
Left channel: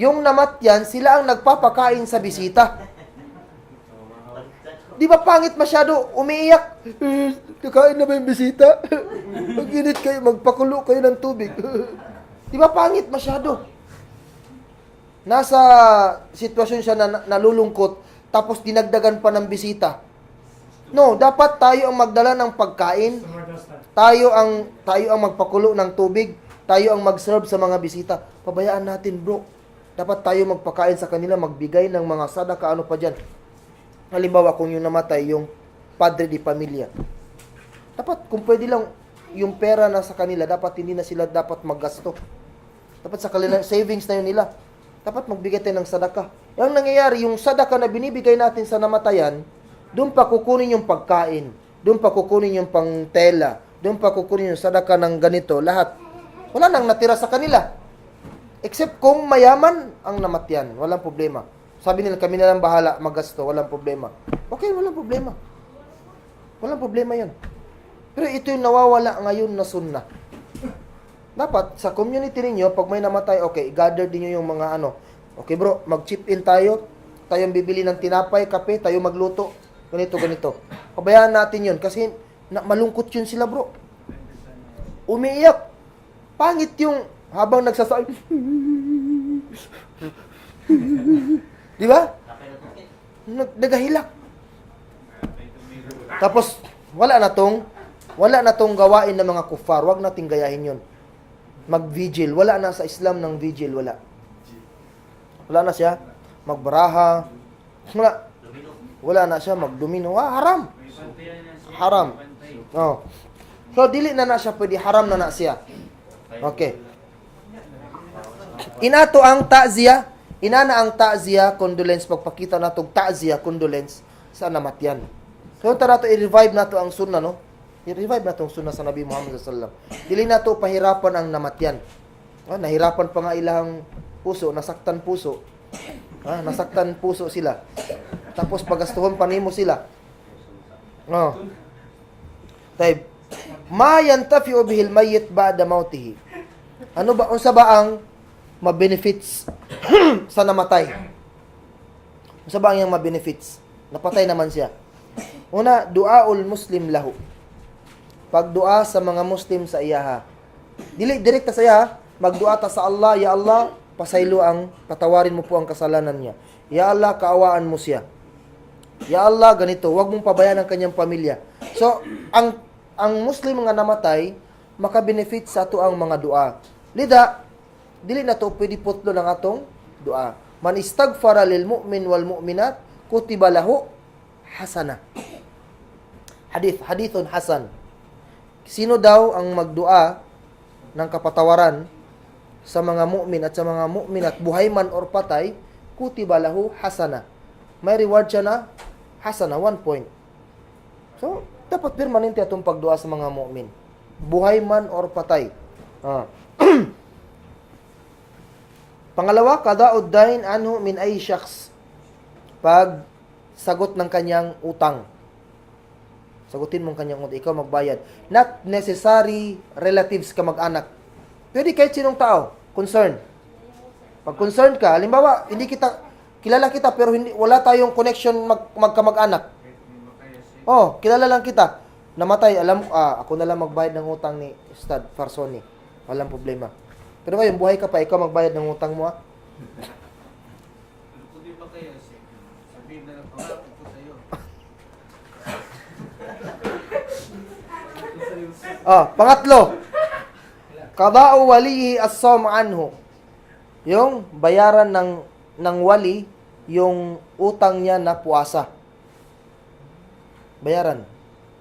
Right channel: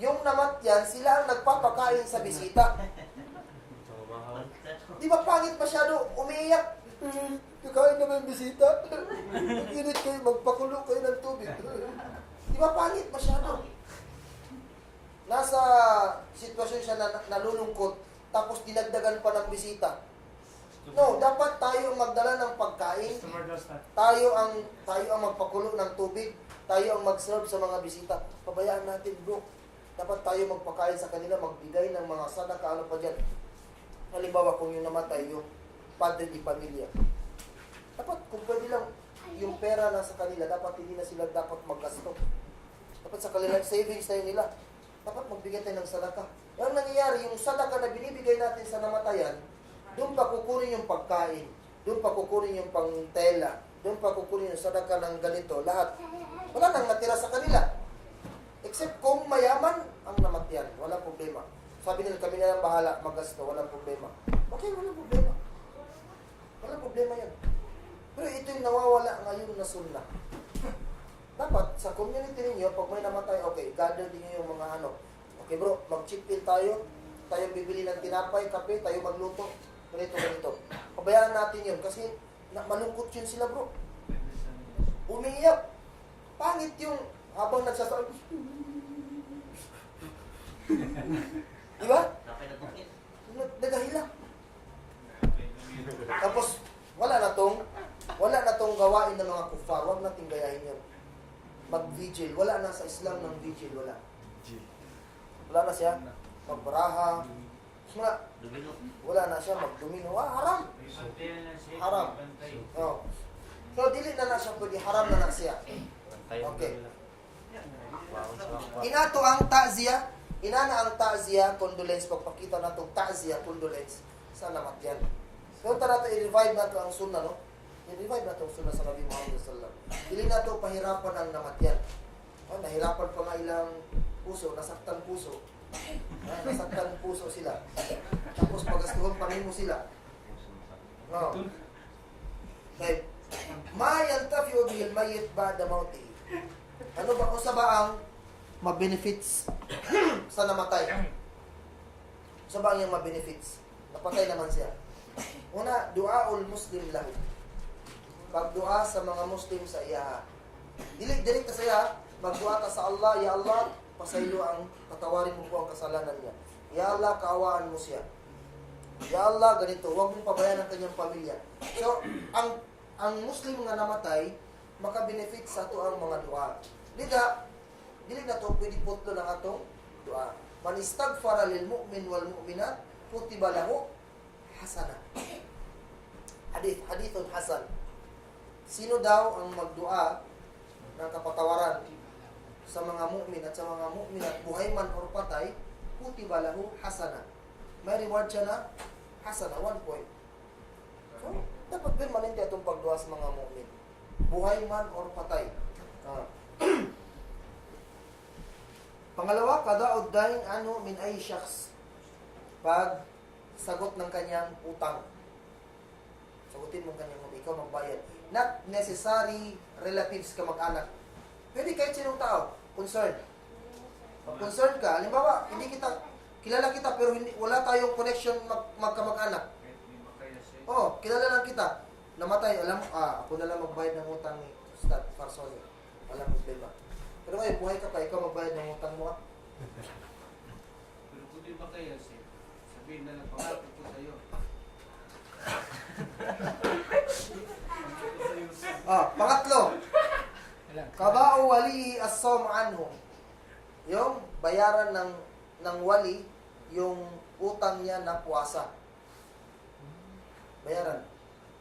yung namatyan, sila ang nagpapakain sa bisita. Di ba pangit masyado? Umiiyak. Kakain na ba yung bisita? Mag-init kayo, magpakulo kayo ng tubig. Di ba pangit masyado? Nasa sitwasyon siya na nalulungkot, tapos dinagdagan pa ng bisita. No, dapat tayo ang magdala ng pagkain. Tayo ang magpakulo ng tubig. Tayo ang mag-serve sa mga bisita. Pabayaan natin, bro. Dapat tayo magpakain sa kanila, magbigay ng mga sadaka, ano pa dyan. Halimbawa, kung yung namatay, yung padre di pamilya. Dapat, kung pwede lang, yung pera na sa kanila, dapat hindi na sila dapat maggasto. Dapat sa kanila, savings na yun nila. Dapat magbigay tayo ng sadaka. Yung nangyayari, yung sadaka na binibigay natin sa namatayan, doon pa kukunin yung pagkain, doon pa kukunin yung pangtela, doon pa kukunin yung sadaka ng ganito, lahat. Wala nang natira sa kanila. Except kung mayaman ang namatyan, walang problema. Sabi nila, kami na lang bahala magasto, walang problema. Okay, walang problema. Walang problema yun. Pero ito yung nawawala ngayon na sunna. Dapat, sa community ninyo, pag may namatay, okay, gather din nyo yung mga ano. Okay bro, mag-chip in tayo. Tayong bibili ng tinapay, kape, tayo magluto. Ganito, ganito. Pabayaan natin yun. Kasi malungkot yun sila bro. Umiiyak. Pangit yung habang nagsasabi. Di ba? Nagahilak. Tapos, wala na tong gawain ng mga kufar. Huwag nating gayahin yun. Mag-vigil. Wala na sa Islam ng vigil. Wala. Wala na siya. Magbaraha. Wala na siya. Magdomino. Haram. Haram. Oh. So, dili na siya pwede. Haram na siya. Okay. Inato ang ta'ziya. Inana ang ta'ziya, condolence. Pagpakita na itong ta'ziya, condolence sa namatyan. So, nato i-revive na ang sunnah, no? I-revive na itong sunnah sa Nabi Muhammad sallallahu alaihi wasallam. Dili na ito pahirapan ang namatyan. Nahirapan pa nga ilang puso, nasaktan puso. Nasaktan puso sila. Tapos pagastuhon pa nimo sila. Taib. Ma yantafi'u bihil mayyit ba'da mautihi. Ano ba unsa ba ang ma-benefits sa namatay? Unsa ba ang yang ma-benefits? Napatay naman siya. Una, duaul muslim lahu. Pagdua sa mga Muslim sa iyaha. Dili direkta sa iyaha, magdua ta sa Allah, ya Allah, pasaylo ang patawarin mo po ang kasalanan niya. Ya Allah, kaawaan mo siya. Ya Allah, ganito, huwag mong pabayaan ang kanyang pamilya. So, ang Muslim nga namatay, maka-benefit sa ato ang mga dua. Lida, dili na to pwede putlo ng atong dua. Man istaghfara lil mu'min wal mu'minat, kutiba lahu hasana. Hadithun hasan. Sino daw ang magdua ng kapatawaran sa mga mu'min at sa mga mu'minat, buhay man or patay, kutiba lahu hasana. May reward siya na hasana, 1 point. So, dapat permanente atong pagdua sa mga mu'min. Buhay man or patay. Pangalawa, qada'ud dain anhu min ay syakhs. Pag sagot ng kanyang utang. Sagutin mong kanyang utang, ikaw magbayad. Not necessary relatives ka mag-anak. Pwede kahit sinong tao, concerned. Pag concerned ka, halimbawa, hindi kita, kilala kita pero hindi, wala tayong connection magkamag-anak. Oh, kilala lang kita. Namatay, ako na lang magbayad ng utang ni Ustad Farsoni. Walang problema. Pero ngayon, buhay ka pa, ikaw magbayad ng utang mo, ah. Hindi ba kaya sabihin na pangako ko sa'yo. Pangatlo, qada'u walihi as-sawm anhu. Yung bayaran ng wali yung utang niya na puasa. Bayaran.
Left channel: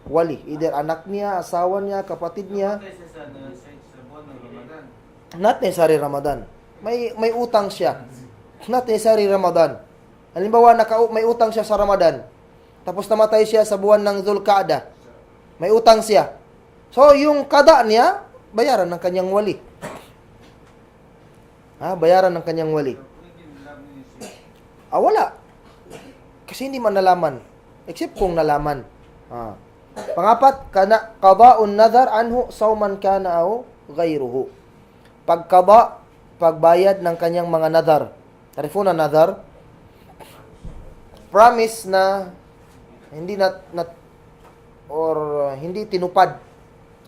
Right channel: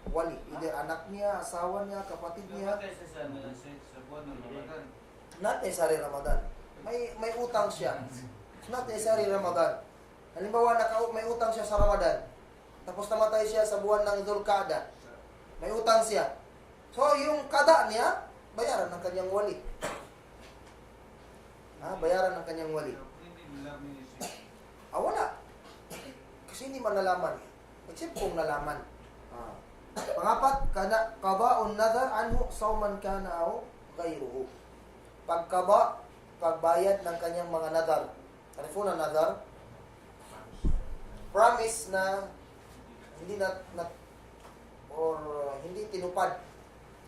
Wali, either anak niya, asawa niya, kapatid niya. Sa buwan ng Ramadan. Not necessary Ramadan. May utang siya. Not necessary Ramadan. Halimbawa, may utang siya sa Ramadan. Tapos namatay siya sa buwan ng Zulqa'dah. May utang siya. So, yung kada niya, bayaran ng kanyang wali. Bayaran ng kanyang wali. Wala. Kasi hindi man nalaman. Except kung nalaman. Pangapat, qada'un nadhar anhu sawman kana aw ghayruhu. Pagbayad ng kanyang mga nadhar. Tarifo na nadhar. Promise na hindi tinupad.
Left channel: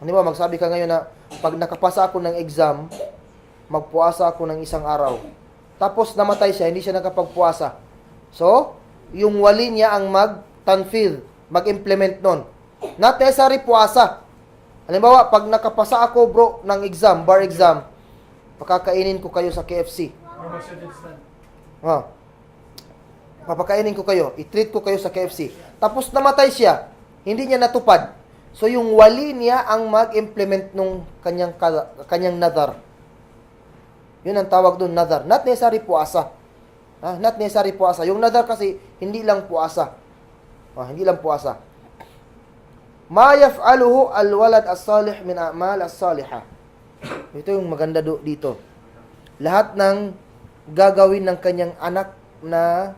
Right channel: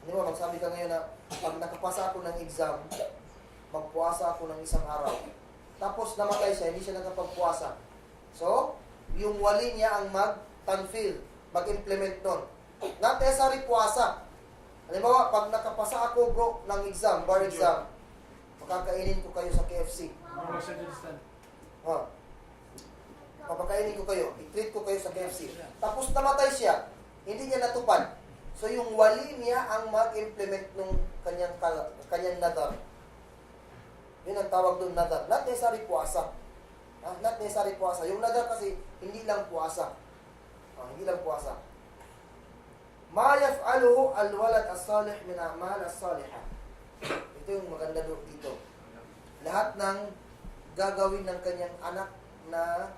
Hindi ba, magsabi ka ngayon na pag nakapasa ako ng exam, magpuasa ako ng isang araw. Tapos namatay siya, hindi siya nakapagpuasa. So, yung wali niya ang mag-tanfidh, mag-implement nun. Not necessary puasa. Halimbawa, pag nakapasa ako bro ng exam, bar exam, pakakainin ko kayo sa KFC. Papakainin ko kayo, i-treat ko kayo sa KFC. Tapos namatay siya, hindi niya natupad. So yung wali niya ang mag-implement nung kanyang nadar. Yun ang tawag doon, nadar. Not necessary puasa. Not necessary puasa. Yung nadar kasi hindi lang puasa. Hindi lang puasa. Ma yaf'aluhu al-walad as-salih min a'mal as-salihah. Ito yung maganda dito. Lahat ng gagawin ng kanyang anak na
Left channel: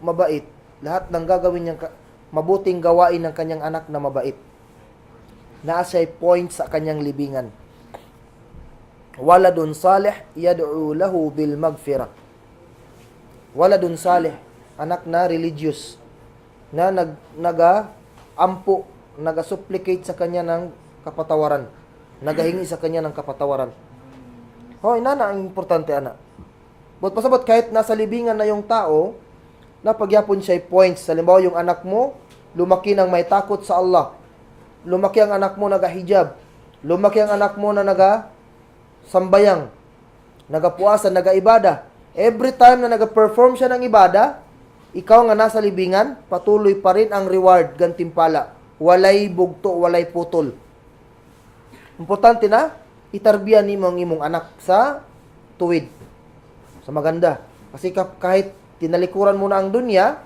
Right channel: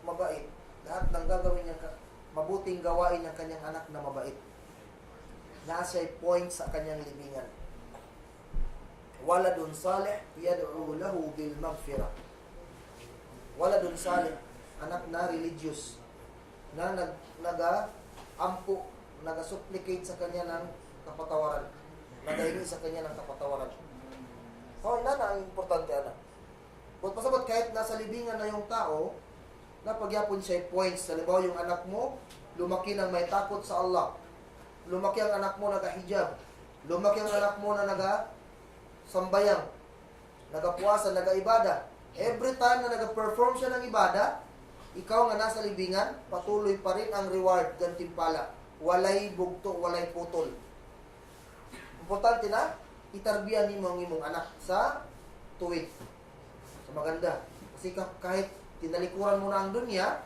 mabait, lahat ng gagawin niyang mabuting gawain ng kanyang anak na mabait, naasay point sa kanyang libingan. Waladun salih yad'u lahu bil maghfirah. Waladun salih, anak na religious, na nag-ampo, nag-supplicate sa kanya ng kapatawaran, nagahingi sa kanya ng kapatawaran. Inana ang importante, anak. But pasabot kahit nasa libingan na yung tao, napagyapon siya points. Halimbawa, yung anak mo, lumaki ng may takot sa Allah. Lumaki ang anak mo naga-hijab. Lumaki ang anak mo na naga-sambayang, naga-puasa, naga-ibada. Every time na naga-perform siya ng ibada, ikaw nga nasa libingan, patuloy pa rin ang reward, gantimpala. Walay bugto, walay putol. Importante na, itarbiyan ni ang imong anak sa tuwid, sa maganda. Kasi kahit tinalikuran mo na ang dunya,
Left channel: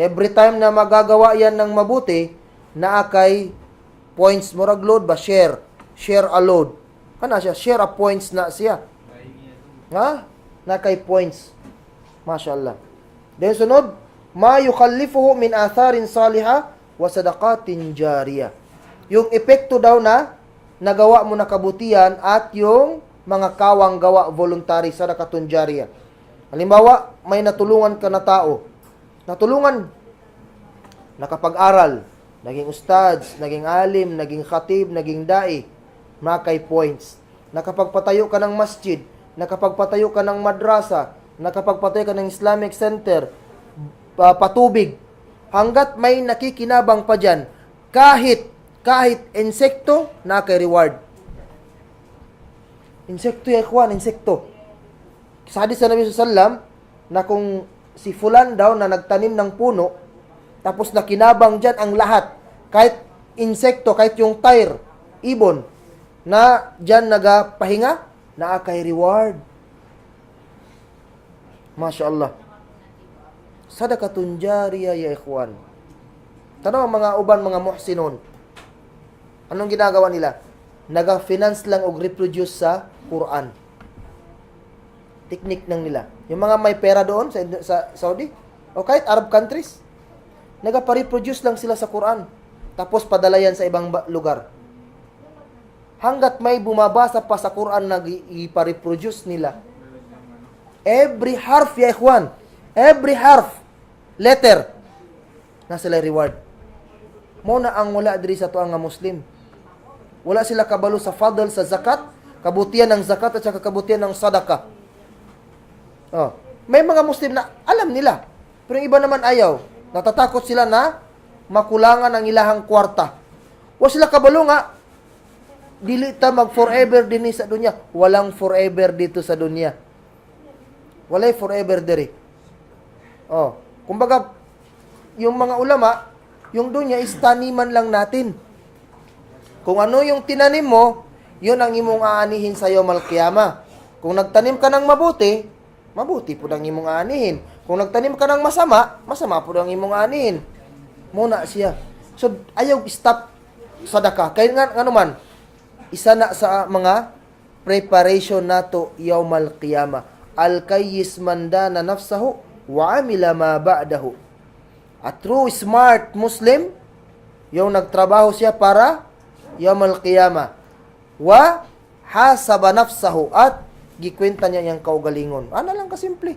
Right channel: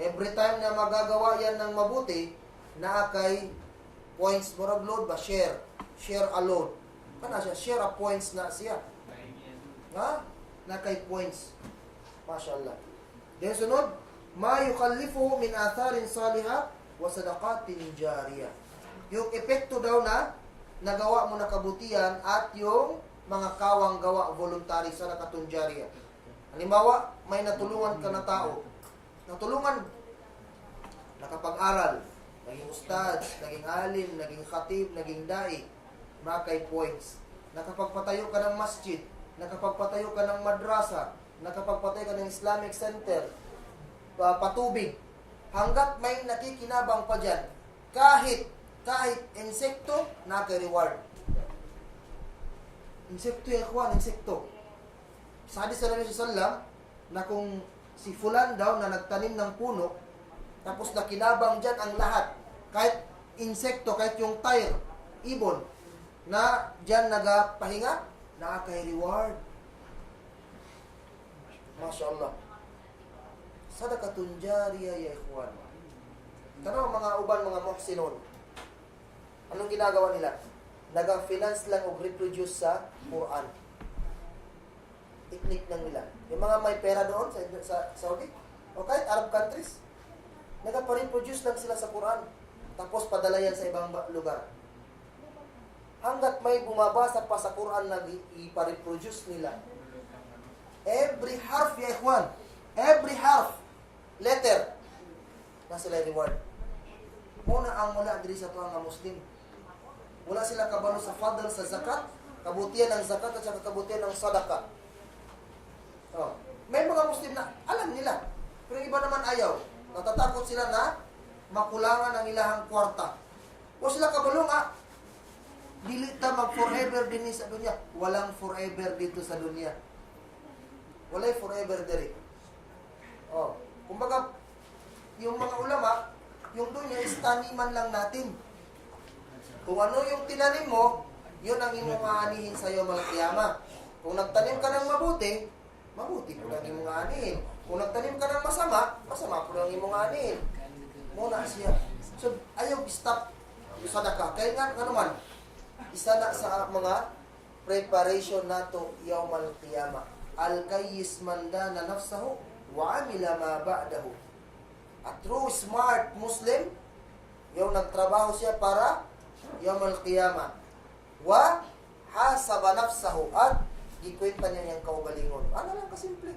every time na magagawa yan ng mabuti, naakay points, murag load ba? Share a load. Siya? Share a points na siya. Nakay points. Mashallah. Then sunod, ma yukhallifuhu min atharin salihah wa sadaqatin jariyah. Yung epekto daw na nagawa mo na kabutihan at yung mga kawang gawa voluntary sadaqatun jariyah. Halimbawa, may natulungan ka na tao. Natulungan, nakapag-aral, naging ustads, naging alim, naging khatib, naging dai, makay points. Nakapagpatayo ka ng masjid, nakapagpatayo ka ng madrasa, nakapagpatayo ka ng Islamic Center, patubig. Hanggat may nakikinabang pa dyan, kahit insekto, nakay reward. Insekto yan, insekto. Sa hadis sa Nabi sallam na kung si fulan daw na nagtanim ng puno, tapos nakinabang dyan ang lahat, kahit insekto, kahit yung tire, ibon, na dyan nagapahinga, naakay reward. Masya Allah. Sadaqatun jariyah ya ikhwan. Tanong ang mga uban, mga muhsinun. Anong ginagawa nila? Naga-finance lang o reproduce sa Quran. Technique ng nila. Yung mga may pera doon sa Saudi, o kahit Arab countries, nagpa-reproduce lang sila sa Quran. tapos padalayan sa ibang lugar. Hanggat may bumabasa pa sa Quran na ipareproduce nila. Every harf, ya ikhwan, every harf, letter, na sila reward. Mo na ang wala diri sa tuang nga Muslim. Wala sila kabalo sa fadl sa zakat, kabutihan ng zakat at saka kabutihan ng sadaka. Oh, may mga Muslim na alam nila, pero yung iba naman ayaw. Natatakot sila na makulangan ang ilahang kwarta. Wa sila kabalo nga dili ta mag forever din sa dunya. Walang forever dito sa dunya. Walay forever diri. Oh, kumbaga yung mga ulama, yung dunya is taniman lang natin. Kung ano yung tinanim mo, yun ang imong aanihin sa yawmal qiyamah. Kung nagtanim ka ng mabuti, mabuti po ang imong aanihin. Kung nagtanim ka ng masama, masama po ang imong aanihin. Muna siya. So, ayaw stop sadaka. Kaya nga, ano man, isa na sa mga preparation nato yawmal qiyamah. Al-kayyis mandana nafsahu wa amila ma ba'dahu. A true smart Muslim, yung nagtrabaho siya para yawmal qiyamah. Wa hasaba nafsahu at gikwenta niya niyang kaugalingon. Ano lang kasimple.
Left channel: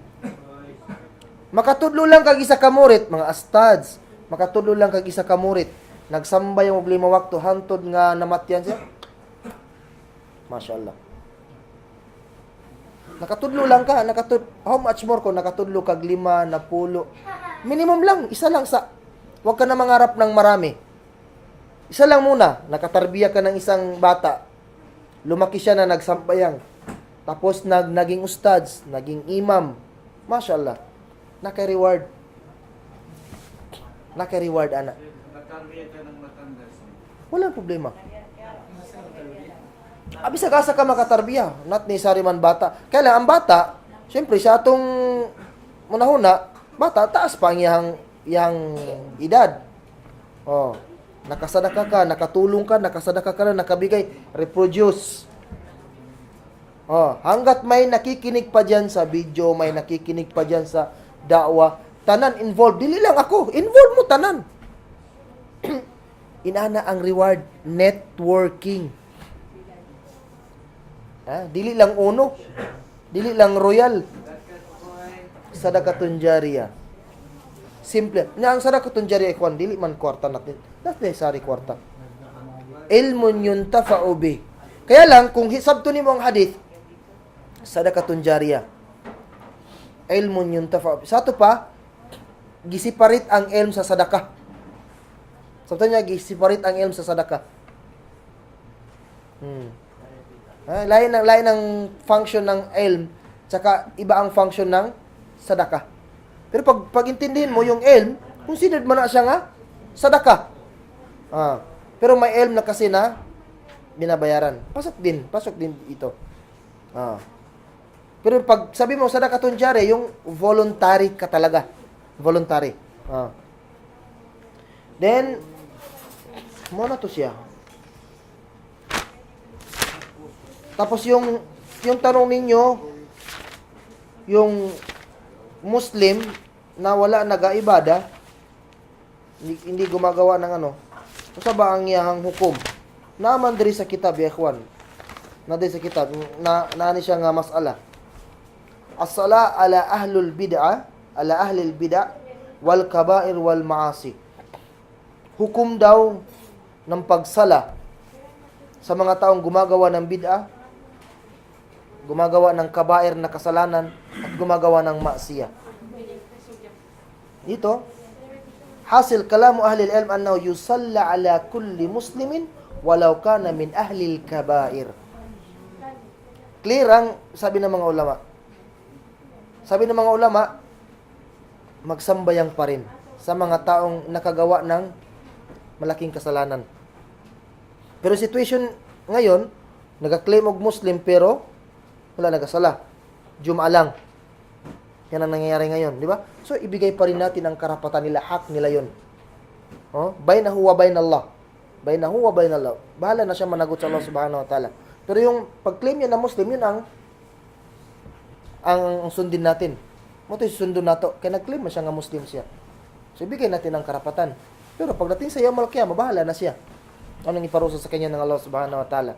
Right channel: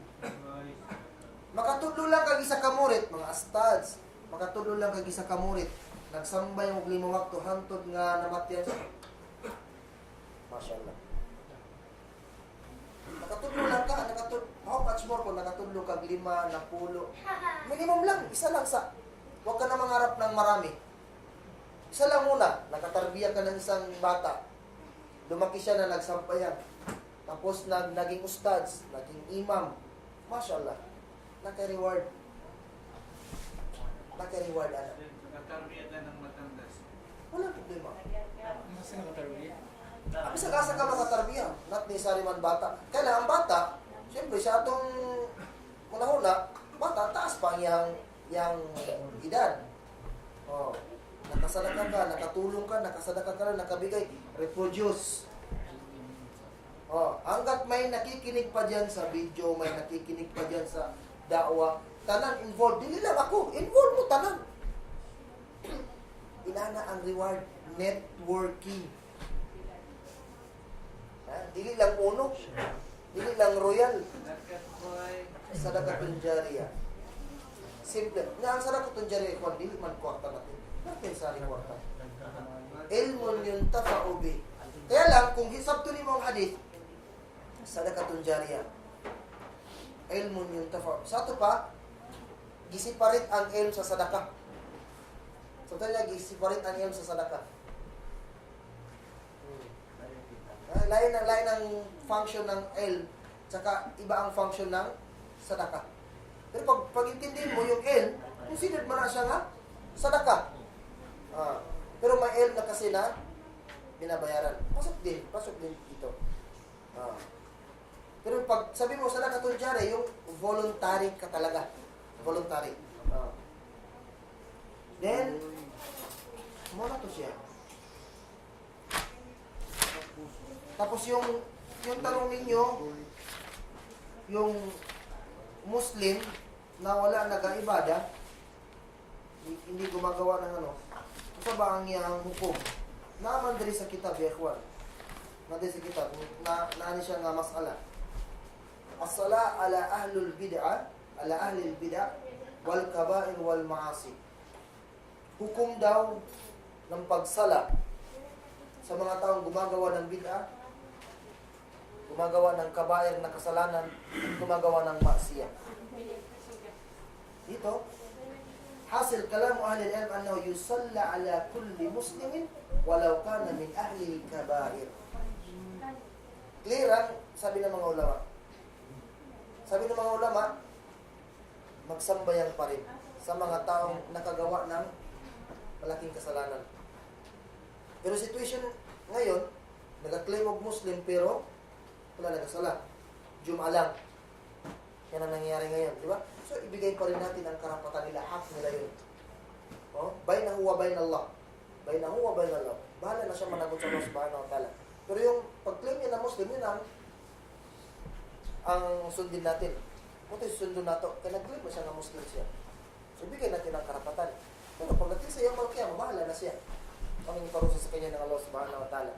Makatudlo lang kag isa ka murit, mga astads. Makatudlo lang kag isa ka murit. Nagsamba yung 5 wakto hantod nga namatyan siya. Mashallah. Nakatudlo lang ka, how much more kung nakatudlo kag 5 na pulo. Minimum lang, isa lang sa. Huwag ka na mangarap ng marami. Isa lang muna, nakatarbiya ka ng isang bata. Lumaki siya na nagsambayang. Tapos naging ustads, naging imam. Mashallah. Naka-reward. Naka-reward, anak. Nakargeta ng matandas. Walang problema. Abisa ka ka makatarbiya, not necessary man bata. Kaya lang, ang bata, syempre, sa atong munahuna, bata, taas pa ang iyang edad. Oh, nakasadaka ka, nakatulong ka, nakasadaka ka na, nakabigay, reproduce. Oh, hanggat may nakikinig pa dyan sa video, may nakikinig pa dyan sa da'wa, tanan involved. Dili lang ako, involved mo tanan. Inana ang reward, networking. Dili lang uno, dili lang royal. Sadaqatun jariyah. Simple. Na ang sadaqatun jariyah ikwan, dili man kwarta natin. Not necessary kwarta. Ilmun yuntafa'u bih. Kaya lang, kung sabto nimo ang hadith, sadaqatun jariyah. Ilmun yuntafa'u bih. Sa ito pa, gisiparit ang ilm sa sadaka. Sabto niya, gisiparit ang ilm sa sadaka. Lain ng function ng ilm, tsaka iba ang function ng sadaka. Pero pag intindihin mo yung ilm, considered mo na siya nga sadaka. Pero may ilm na kasi na binabayaran. Pasok din ito. Pero pag sabi mo sadaqatun jariyah, yung voluntary ka talaga. Voluntary. Then, muna to siya. Tapos yung tanong ninyo, yung Muslim na wala nag-aibada, hindi gumagawa ng ano, sa ba ang iyang hukom? Naman diri sa kitab, ya ikhwan. Na diri sa kitab, na siya nga masala. As-sala ala ahlul bid'ah, ala ahlil bid'ah, wal kaba'ir wal ma'asi. Hukom daw ng pagsala sa mga taong gumagawa ng bid'ah, gumagawa ng kabair na kasalanan, at gumagawa ng maksiya. Dito, hasil kalamu ahli al-ilm annahu yusalla ala kulli muslimin walau kana min ahli al-kabair. Clear ang sabi ng mga ulama. Sabi ng mga ulama, magsambayang pa rin sa mga taong nakagawa ng malaking kasalanan. Pero situation ngayon, nag-claim og Muslim pero wala nagasala. Jum'a lang. Yan ang nangyayari ngayon, di ba? So, ibigay pa rin natin ang karapatan nila, hak nila yun. Bainahu wa bainallah. Bainahu wa bainallah. Bahala na siya managot sa Allah subhanahu wa ta'ala. Pero yung pag-claim niya na Muslim, yun ang sundin natin. Mo ito susundin nato. Kaya nag-claim na siya nga Muslim siya. So, ibigay natin ang karapatan. Pero pagdating sa yaumul qiyamah, bahala na siya. Anong iparusa sa kanya ng Allah subhanahu wa ta'ala.